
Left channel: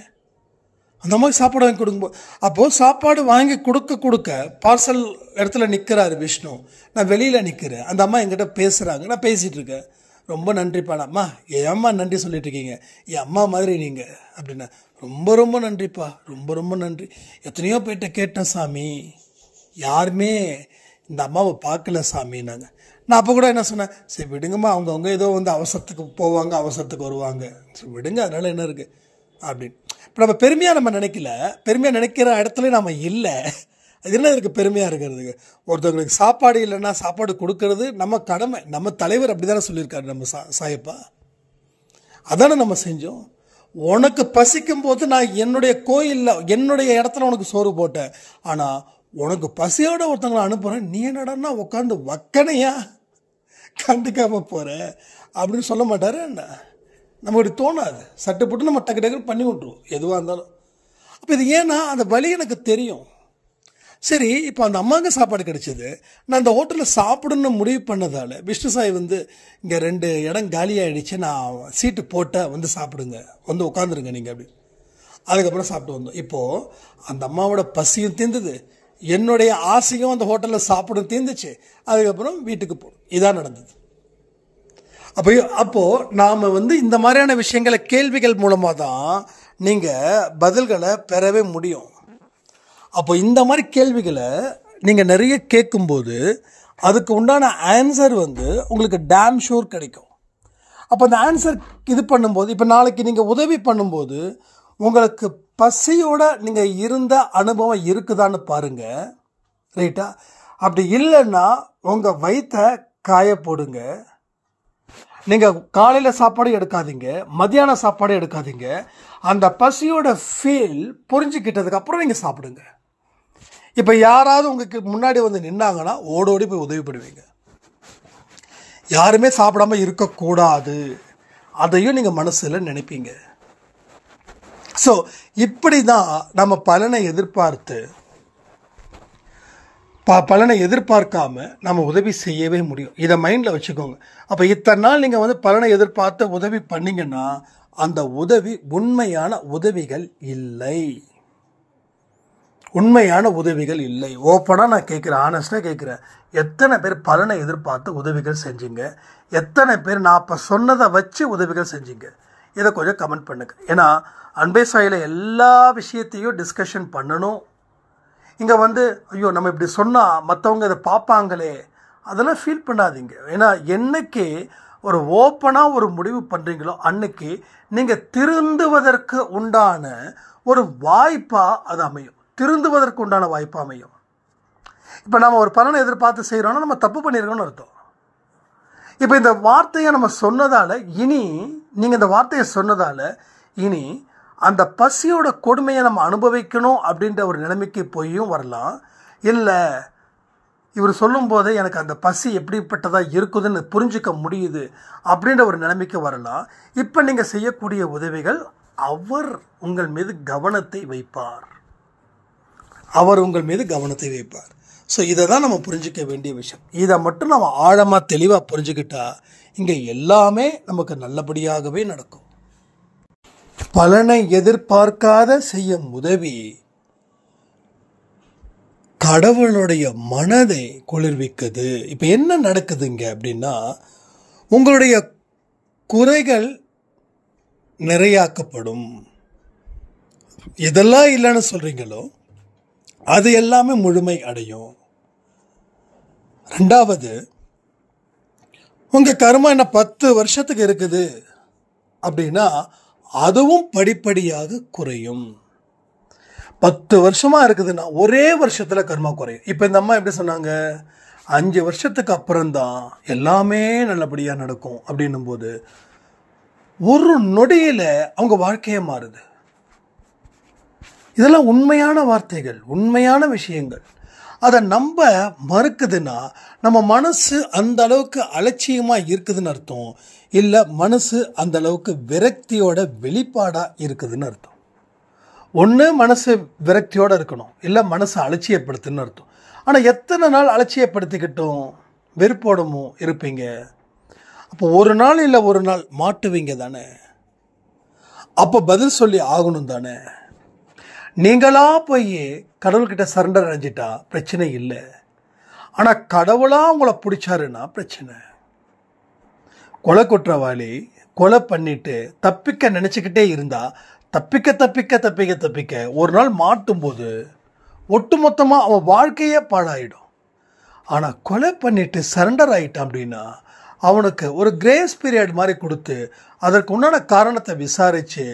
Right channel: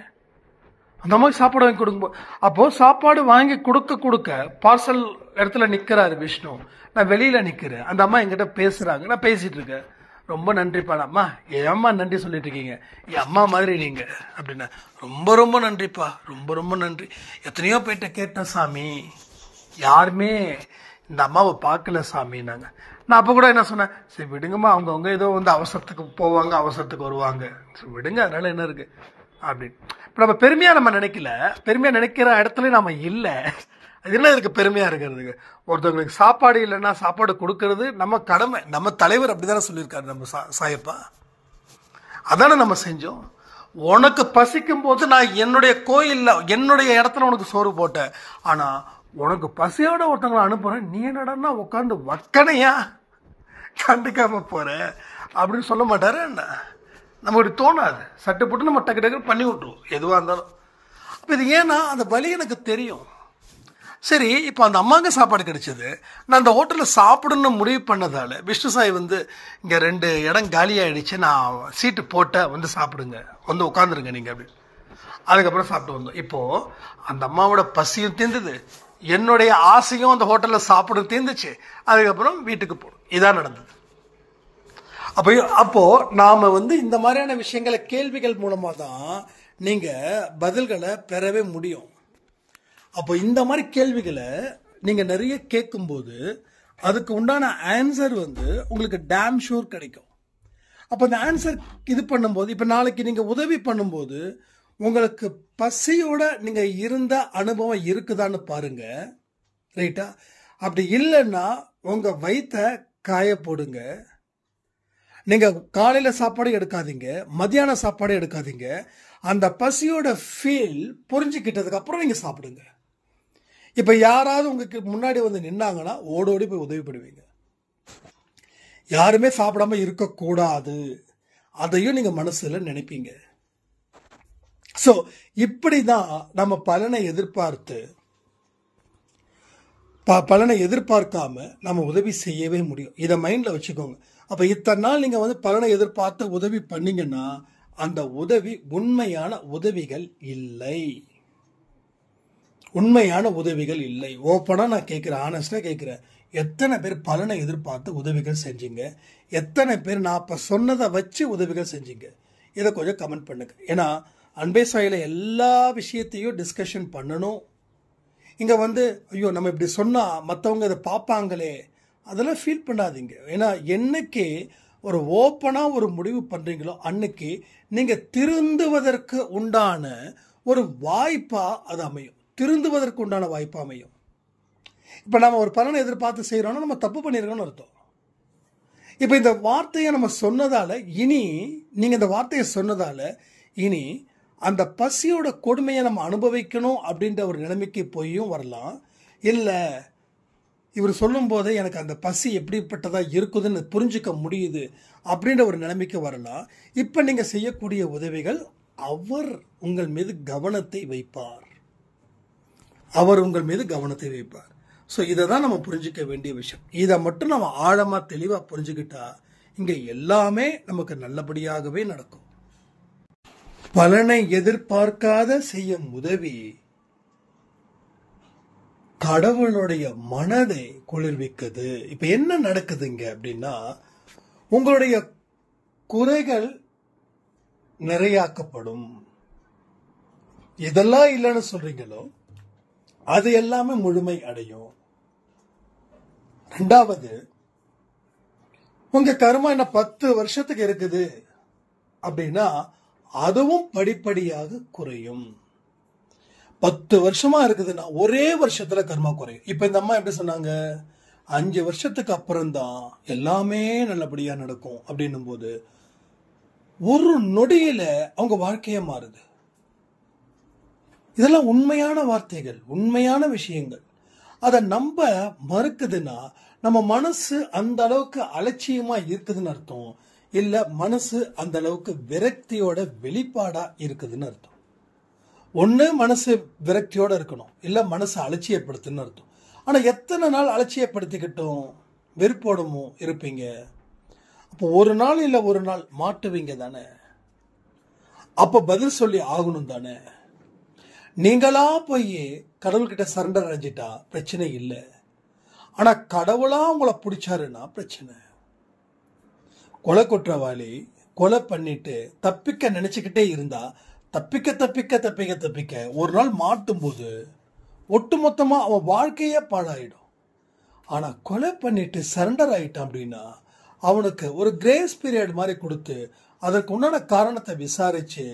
அந்த அம்மாவுக்கு சாப்பாடு வாங்கி கொடுக்கும்போது. அப்போது சாப்பாடு வாங்கி கொடுக்க பார்சல் இடத்துல நிற்கிறாரு விஷ்ணு, நான் வெளியில் நிற்கிறேன். அந்த அம்மா என்கிட்ட பேசுகிறாங்க, நான் பேசிகிட்டு இருக்கேன். ரொம்ப நன்றிப்பா. அம்மா என் அம்மா நன்றி சொல்லிட்டு இருக்கீங்க, என் அம்மா மாதிரி நீங்கள் அப்படின்னா. ரொம்ப ரொம்ப நன்றிப்பா, ரொம்ப ரொம்ப நன்றி. எத்தனையோ போயிட்ட கேட்டேன் சாமி, யாருமே இந்த அம்மாவை பார்க்கல சாமின்னாங்க. நான் அப்போ கூட என்ன சொன்னேன், சரி விடுங்கம்மா, அவங்கவுங்க ஏதோ வந்து அவசரத்துக்கு போவாங்க, அவசரத்துக்கு வருவாங்க, சரி விடுங்க, அதனால் என்ன இருக்குது அப்படின்னு. இப்போ நம்ம பெருமையாக நம்ம நினைக்கல, பெருமையாக நினைக்கிற இடத்துல நம்ம இல்லை. அது என்ன இருக்குது பெருமையாக இருக்கிறதுக்கு? ஒருத்தவங்களுக்கு சாப்பாடு இல்லைன்னா சாப்பாடு கொடுக்கறது நம்ம கடமை. நம்ம தலைவர் அப்படி தானே சொல்லியிருக்காரு நம்ம சாயப்பா, அதானே நம்ம செஞ்சோம். உனக்கு பசிக்கும் போது நான் என்னுடைய கோயிலில் என்னுடைய இடத்துல உனக்கு சோறு போட்டேன், ஆனால் உனக்கு பசியோட ஒருத்தவங்களை அனுப்புகிறேன், நீ என்னடா உட்காந்து வக்கனையா கண்டுக்காம போகிற அப்படின்னு சொல்ல மாட்டாரு என்ன? நமக்கு தோணாது, சட்டு போட்டு நம்ம டக்கு டக்கு பண்ணி விட்ருவோம் எதுவாக இருந்தாலும். அப்போ இது ஏன்னா அந்த வலி எனக்கு தெரியும். சரி, இப்போ அந்த அம்மாவுக்கு சாப்பாடு கிடைச்சது, நான் அந்த ஹோட்டலில் சாப்பிடணும்னு முடிவு பண்ணதால் விஷ்ணு சாய் வந்து இங்கே 2 இடம் காலியாகிடுச்சு, நான் சீட்டு போட்ட வந்து சாப்பிடுங்க, வந்து உட்காந்துருங்க நீங்கள் அப்படின்னு. அதுக்கப்புறம் சாப்பிட்டு வந்தோம். இப்போது அந்த அம்மாவோட பசியும் தீர்ந்தது, என்னுடைய ஆசையும் அந்த ஹோட்டலில் சாப்பிடும் தீர்ந்துச்சு. அதுக்கப்புறம் வீட்டுக்கு போகணும். இதான் நடந்தது. அப்போது நாம் வந்து இந்த மாதிரியான விஷயங்களை கேள்விகள் மூலமாக தான் நீங்கள் பதில்களை பெறவே முடியும். அப்போ இந்த மாதிரி கேள்விகளை நீங்கள் நிறைய கேட்கும்போது அதுக்கு உண்டான ஆன்சர் வந்து உங்களுக்கு டேம் ஷூர் கிடைக்கும். அப்போ அந்த ஆன்சர் இது பண்ணும்போது, இப்போ நாளைக்கு நீங்கள் உதவி பண்ணும்போது உங்களுக்கு பசியோட நீங்கள் இருந்த அனுபவம் இருக்குதான்னு பாருங்கள், ரைட்டா? அப்படி இல்லைன்னா உங்கள் வயிற்றை காய போடுங்க. நீங்கள் காலையில் சாப்பாடு எடுக்காதீங்க, மத்தியான சாப்பாடு எடுக்காதீங்க. அந்த பசியோட ஃபீல் புரிஞ்சுக்கிட்டதுக்கப்புறம் நீங்கள் சாப்பிடுங்க. இப்போ யாராவது உங்களுக்கு முன்னாடி வந்து நின்னாங்கன்னா ஓடோடி போய் உதவி பண்ணுவீங்க. யாருமே சாப்பிடாம இருக்கக்கூடாது, அதையும் நீங்கள் மனசில் நினைப்பீங்க. ஸோ இப்படி தான் நம்ம பலனை எதிர்பார்க்காம நம்ம உதவி செய்யவே முடியும். இதை மைண்டில் வச்சுக்கோங்க. அப்போ இத்தனை நாள் நீங்கள் பலனை எதிர்பார்த்து உதவி பண்ணீங்கன்னா அந்த உதவி உண்மையான உதவிகள் இல்லை. ஓப்பனாக நான் கேட்குறேன், ஆனஸ்டாக கேட்குறேன். எத்தனை பேர் பலனை எதிர்பார்த்து உதவிகள் செஞ்சீங்க? எத்தனை பேர் நான் அப்போ சொன்னதை வச்சு உதவிகள் செஞ்சீங்க? இதை கொஞ்சம் கமெண்ட் பண்ணுங்க. ஏன்னா அன்பே சாயில எல்லா விஷயத்தையும் டிஸ்கஷன் பண்ணணும். இங்கே ஐயோ நம்ம இப்படி சொன்னால் மற்றவங்க இதை பார்ப்பாங்களே, அதெல்லாம் ஃபீல் பண்ணாதீங்க. ஏன்னா என்னைக்கு ஒரு ஓப்பனாக ஒரு முடிவு பண்ணுறீங்களோ அன்னைக்கு நீங்கள் திருந்துவதற்கு உண்டான ஒரு வாய்ப்பாக அது அமையும். இப்போ நம்ம ஒரு பலனை எதிர்பார்த்து செய்கிறோன்னா நம்ம தப்பு பண்ணியிருக்கோம்னு அர்த்தம். இப்போ இந்த வார்த்தையை நம்ம சொன்னதால் நீங்கள் இந்த வார்த்தையை சொன்னதால் இனி அந்த பசியோட கொடுமையை நம்ம அனுபவிக்கணும் அப்படின்ற ஒரு நிலைமைக்கு போயும் வரலாம். இல்லை இவர் சொல்லும் போதே எனக்கு அந்த பசி எப்படிப்பட்டதாக இருக்குதுன்னு புரிஞ்சிக்க முடியுது அப்படின்ற ஒரு நிலைமைக்கு வரலாம். இப்போ நீங்கள் செய்யக்கூடிய உதவிகள் அவர் உங்கள் மீது கவனத்தை வைப்பார். ஸோ இதை தான் நம்ம புரிஞ்சிக்க வேண்டிய விஷயம். இதை மட்டும் நம்ம ஆழமாக தெளிவாக புரிஞ்சுக்கிட்டா இங்கே எல்லாமே நமக்கு நல்லபடியாகவே நடக்கும். பலனை எதிர்பார்க்காத செய்யும் உதவி கடவுளுடைய மனதை குளிர்விக்குது. இப்போ என்ன நடக்குதுங்க அப்படின்னா, உங்களுடைய குறைகள் நிறையாக்கப்படும். எதெல்லாம் இல்லைன்னு சொல்றீங்களோ அது எல்லாமே முழுமை அடையும். ரெண்டாவது, உங்க கர்மா என்ன 10 வருஷத்துக்கு இருக்குது அப்படின்னா அதுவும் படிப்படியாக குறையும். 10 வருஷமா இருக்குதுன்னா ஒரே வருஷத்துல கர்மா குறையும். இப்ப இந்த அம்மா எப்படி சொன்னாங்க, 5 வருஷத்துக்கு அப்புறம்தான் எல்லாமே நல்லபடியா நடக்கும் அப்படின்னும் போது ஒரு நொடியில அவங்க வாழ்க்கையே மாறுது. இதெல்லாம் உண்மையான வார்த்தைகள், உண்மையான விஷயங்கள். அதை நம்ப மறுக்குதுன்னா நம்ம மனசு அந்த அளவுக்கு அலட்சியமா இருக்குதுன்னு அர்த்தம். இல்ல மனசு அந்த அளவுக்கு விரக்தியோட வெளிப்பாடா இருக்குதுன்னு அர்த்தம். ஒண்ணு மனசு விரக்தியோட இருக்கணும், இல்ல மனசு அலட்சியப்படுத்துன்னு அர்த்தம். ஆனா எத்தனை நாள் அலட்சியப்படுத்திக்கிட்டும் வெறுப்போடமோ இருப்பீங்க. அப்போ ஒரு நாள் இல்ல ஒரு நாள் மாட்டுவீங்க தானே. அப்ப பதில் சொல்லி ஆகணும் தானே. நீங்களா போய் கடவுள்கிட்ட சரண்டர் அடைஞ்சிட்டா பிரச்சனை இல்லை. ஆனா கடவுளா உங்களை பிடிச்சாருன்னா பிரச்சனை. கொலை குற்றவாளி கொலை பண்ணிட்டு தப்பிக்க நினைச்சுக்கிட்டே இருந்தா தப்பிக்க தப்பிக்க தப்பிக்க தப்பிக்க ஒரு நாள் மாட்டும் போது ஒட்டுமொத்தமா அவன் வாழ்க்கையே பாழாயிடும். ஆனா கொலை பண்ணிட்டு சரண்டர் ஆயிட்டான் அப்படின்னா அவனுக்கு ஒரு கிரேஸ் பீரியட் மாதிரி கொடுத்து அதற்கு உண்டான காரணத்தை விசாரிச்சு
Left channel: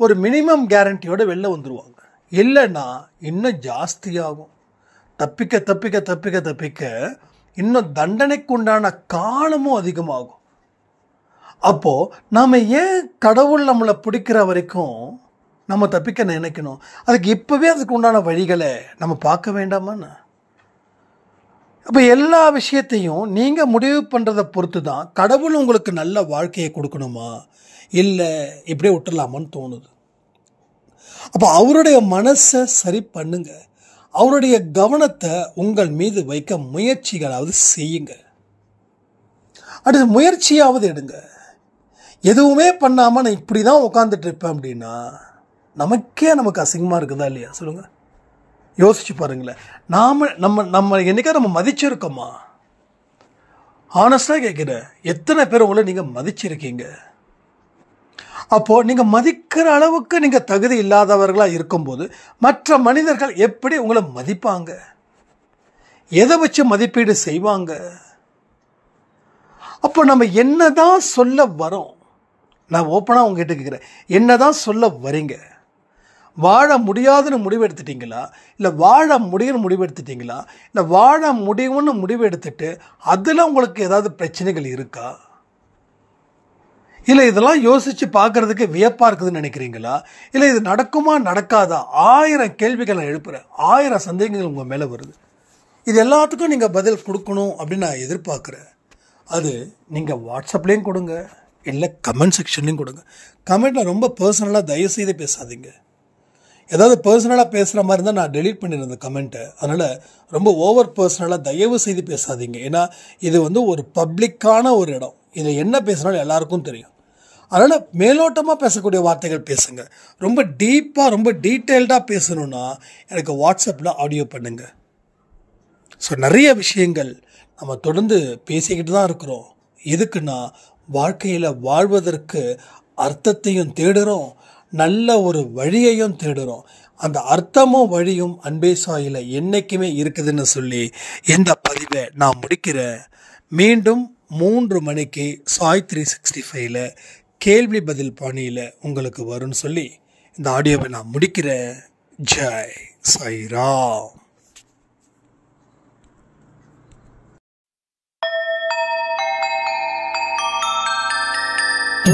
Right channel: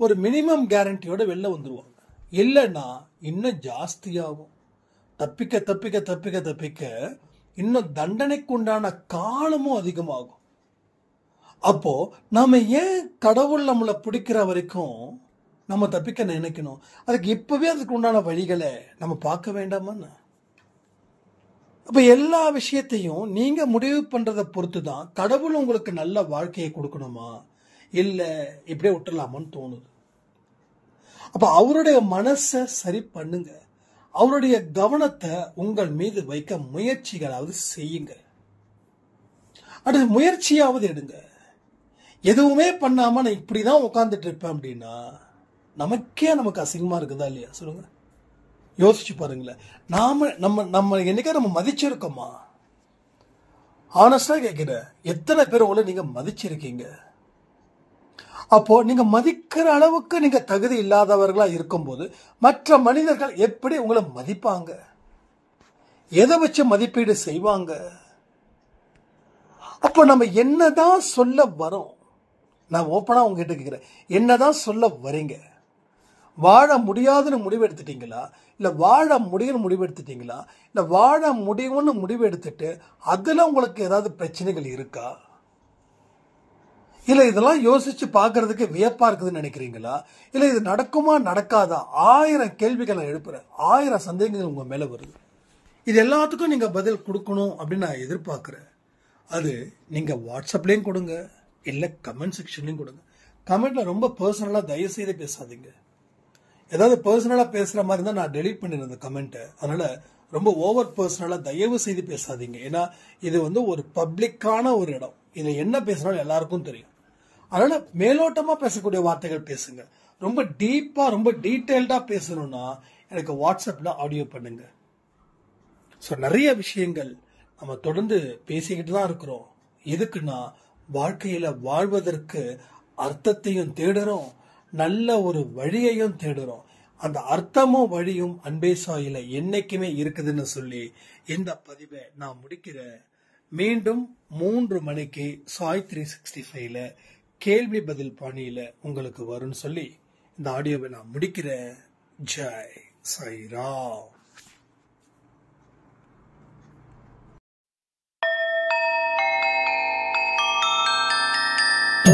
ஒரு மினிமம் கேரண்டியோட வெளில வந்துருவாங்க. இல்லைன்னா இன்னும் ஜாஸ்தியாகும். தப்பிக்க தப்பிக்க தப்பிக்க தப்பிக்க இன்னும் தண்டனைக்கு உண்டான காலமும் அதிகமாகும். அப்போ நாம ஏன் கடவுள் நம்மளை பிடிக்கிற வரைக்கும் நம்ம தப்பிக்க நினைக்கணும்? அதுக்கு இப்பவே அதுக்கு உண்டான வழிகளை நம்ம பார்க்க வேண்டாமான்னு. அப்ப எல்லா விஷயத்தையும் நீங்க முடிவு பண்றதை பொறுத்து தான் கடவுள் உங்களுக்கு நல்ல வாழ்க்கையை கொடுக்கணுமா இல்லை இப்படியே விட்டுடலாமான்னு தோணுது. அப்ப அவருடைய மனசை சரி பண்ணுங்க. அவருடைய கவனத்தை உங்கள் மீது வைக்க முயற்சிகளாவது செய்யுங்க. அடுத்து முயற்சியாவது எடுங்க. எதுவுமே பண்ணாம நான் இப்படிதான் உட்காந்துட்டு இருப்பேன் அப்படின்னா நமக்கு அசிங்கமா இருக்குதா இல்லையா சொல்லுங்க. யோசிச்சு பாருங்களேன். நம்ம என்னைக்கா நம்ம மதிச்சிருக்கோமா? ஆனஸ்டா கேட்கிறேன், எத்தனை பேர் உங்களை நீங்க மதிச்சிருக்கீங்க? அப்போ நீங்க மதிக்கிற அளவுக்கு நீங்க தகுதி இல்லாதவர்களா இருக்கும்போது மற்ற மனிதர்கள் எப்படி உங்களை மதிப்பாங்க? எதை வச்சு மதிப்பீடு செய்வாங்க? அப்போ நம்ம என்னதான் சொல்ல வரோம்? நான் ஓப்பனா உங்ககிட்ட கேட்கிறேன், என்னதான் சொல்ல வரீங்க? வாழ முடியாதுன்னு முடிவு எடுத்துட்டீங்களா, இல்லை வாழ முடியும்னு முடிவு எடுத்துட்டீங்களா, இல்லை வாழ முடியும்னு முடிவு எடுத்துட்டு அதுல உங்களுக்கு ஏதாவது பிரச்சனைகள் இருக்கா? இல்லை இதெல்லாம் யோசிச்சு பார்க்கறதுக்கு வியப்பா இருக்குதுன்னு நினைக்கிறீங்களா? இல்லை இது நடக்குமா நடக்காதா? 1000 கேள்விகள் நான் எழுப்புறேன், 1000 சந்தேகங்கள் உங்க மேல வருது. இது எல்லாத்துக்கும் நீங்க பதில் கொடுக்கணும் அப்படின்னு நான் எதிர்பார்க்கிறேன். அது நீங்கள் வாட்ஸ்அப்லேயும் கொடுங்க, இல்லை கமெண்ட் செக்ஷன்லேயும் கொடுங்க. கமெண்ட்டில் ரொம்ப பர்சனலாக தயவுசெய்து பேசாதீங்க. ஏதாவது பர்சனலாக பேசுகிற மாதிரி இருந்தால் நான் டெலீட் பண்ணிடுறேன் அந்த கமெண்ட்டை. அதனால் ரொம்ப ஓவர் பர்சனலாக தயவு செய்து பேசாதீங்க. ஏன்னா இது ஒரு பப்ளிக்கான ஒரு இடம். இதில் என்ன பேசுனாலும் எல்லாருக்கும் தெரியும். அதனால் மேலோட்டமாக பேசக்கூடிய வார்த்தைகள் பேசுங்க. ரொம்ப டீப்பாக ரொம்ப டீட்டெயில்டாக பேசணுன்னா எனக்கு வாட்ஸ்அப்பில் ஆடியோ பண்ணுங்கள். ஸோ நிறைய விஷயங்கள் நம்ம தொடர்ந்து பேசிக்கிட்டு தான் இருக்கிறோம். எதுக்குன்னா வாழ்க்கையில் வாழ்வதற்கு அர்த்தத்தையும் தேடுறோம், நல்ல ஒரு வழியையும் தேடுறோம். அந்த அர்த்தமும் வழியும் அன்பே சாயில என்னைக்குமே இருக்குதுன்னு சொல்லி இந்த பதிவை நான் முடிக்கிறேன். மீண்டும் 3 மணிக்கு சாய் 365ல் கேள்வி பதில் பாணியில் உங்களுக்கு வரும்னு சொல்லி இந்த ஆடியோவை நான் முடிக்கிறேன். ஜெய் சாய்ராம்.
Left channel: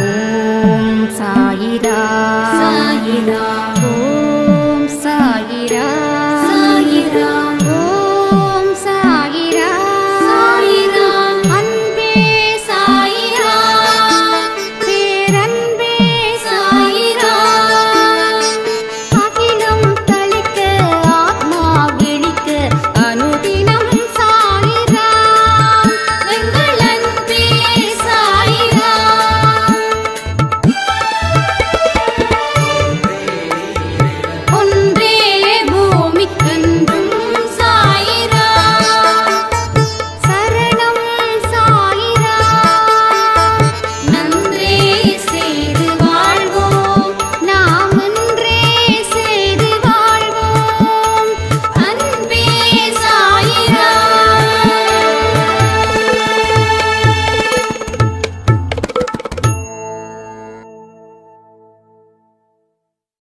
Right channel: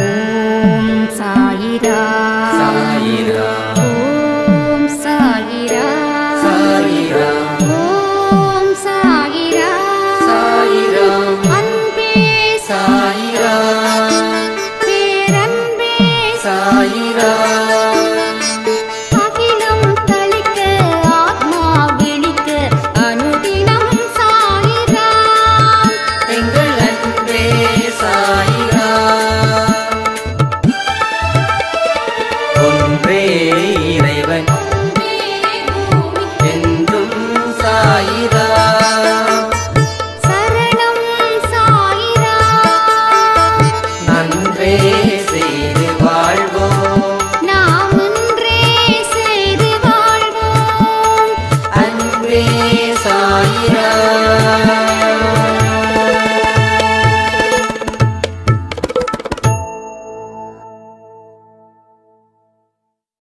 ஓம் சாயிரா.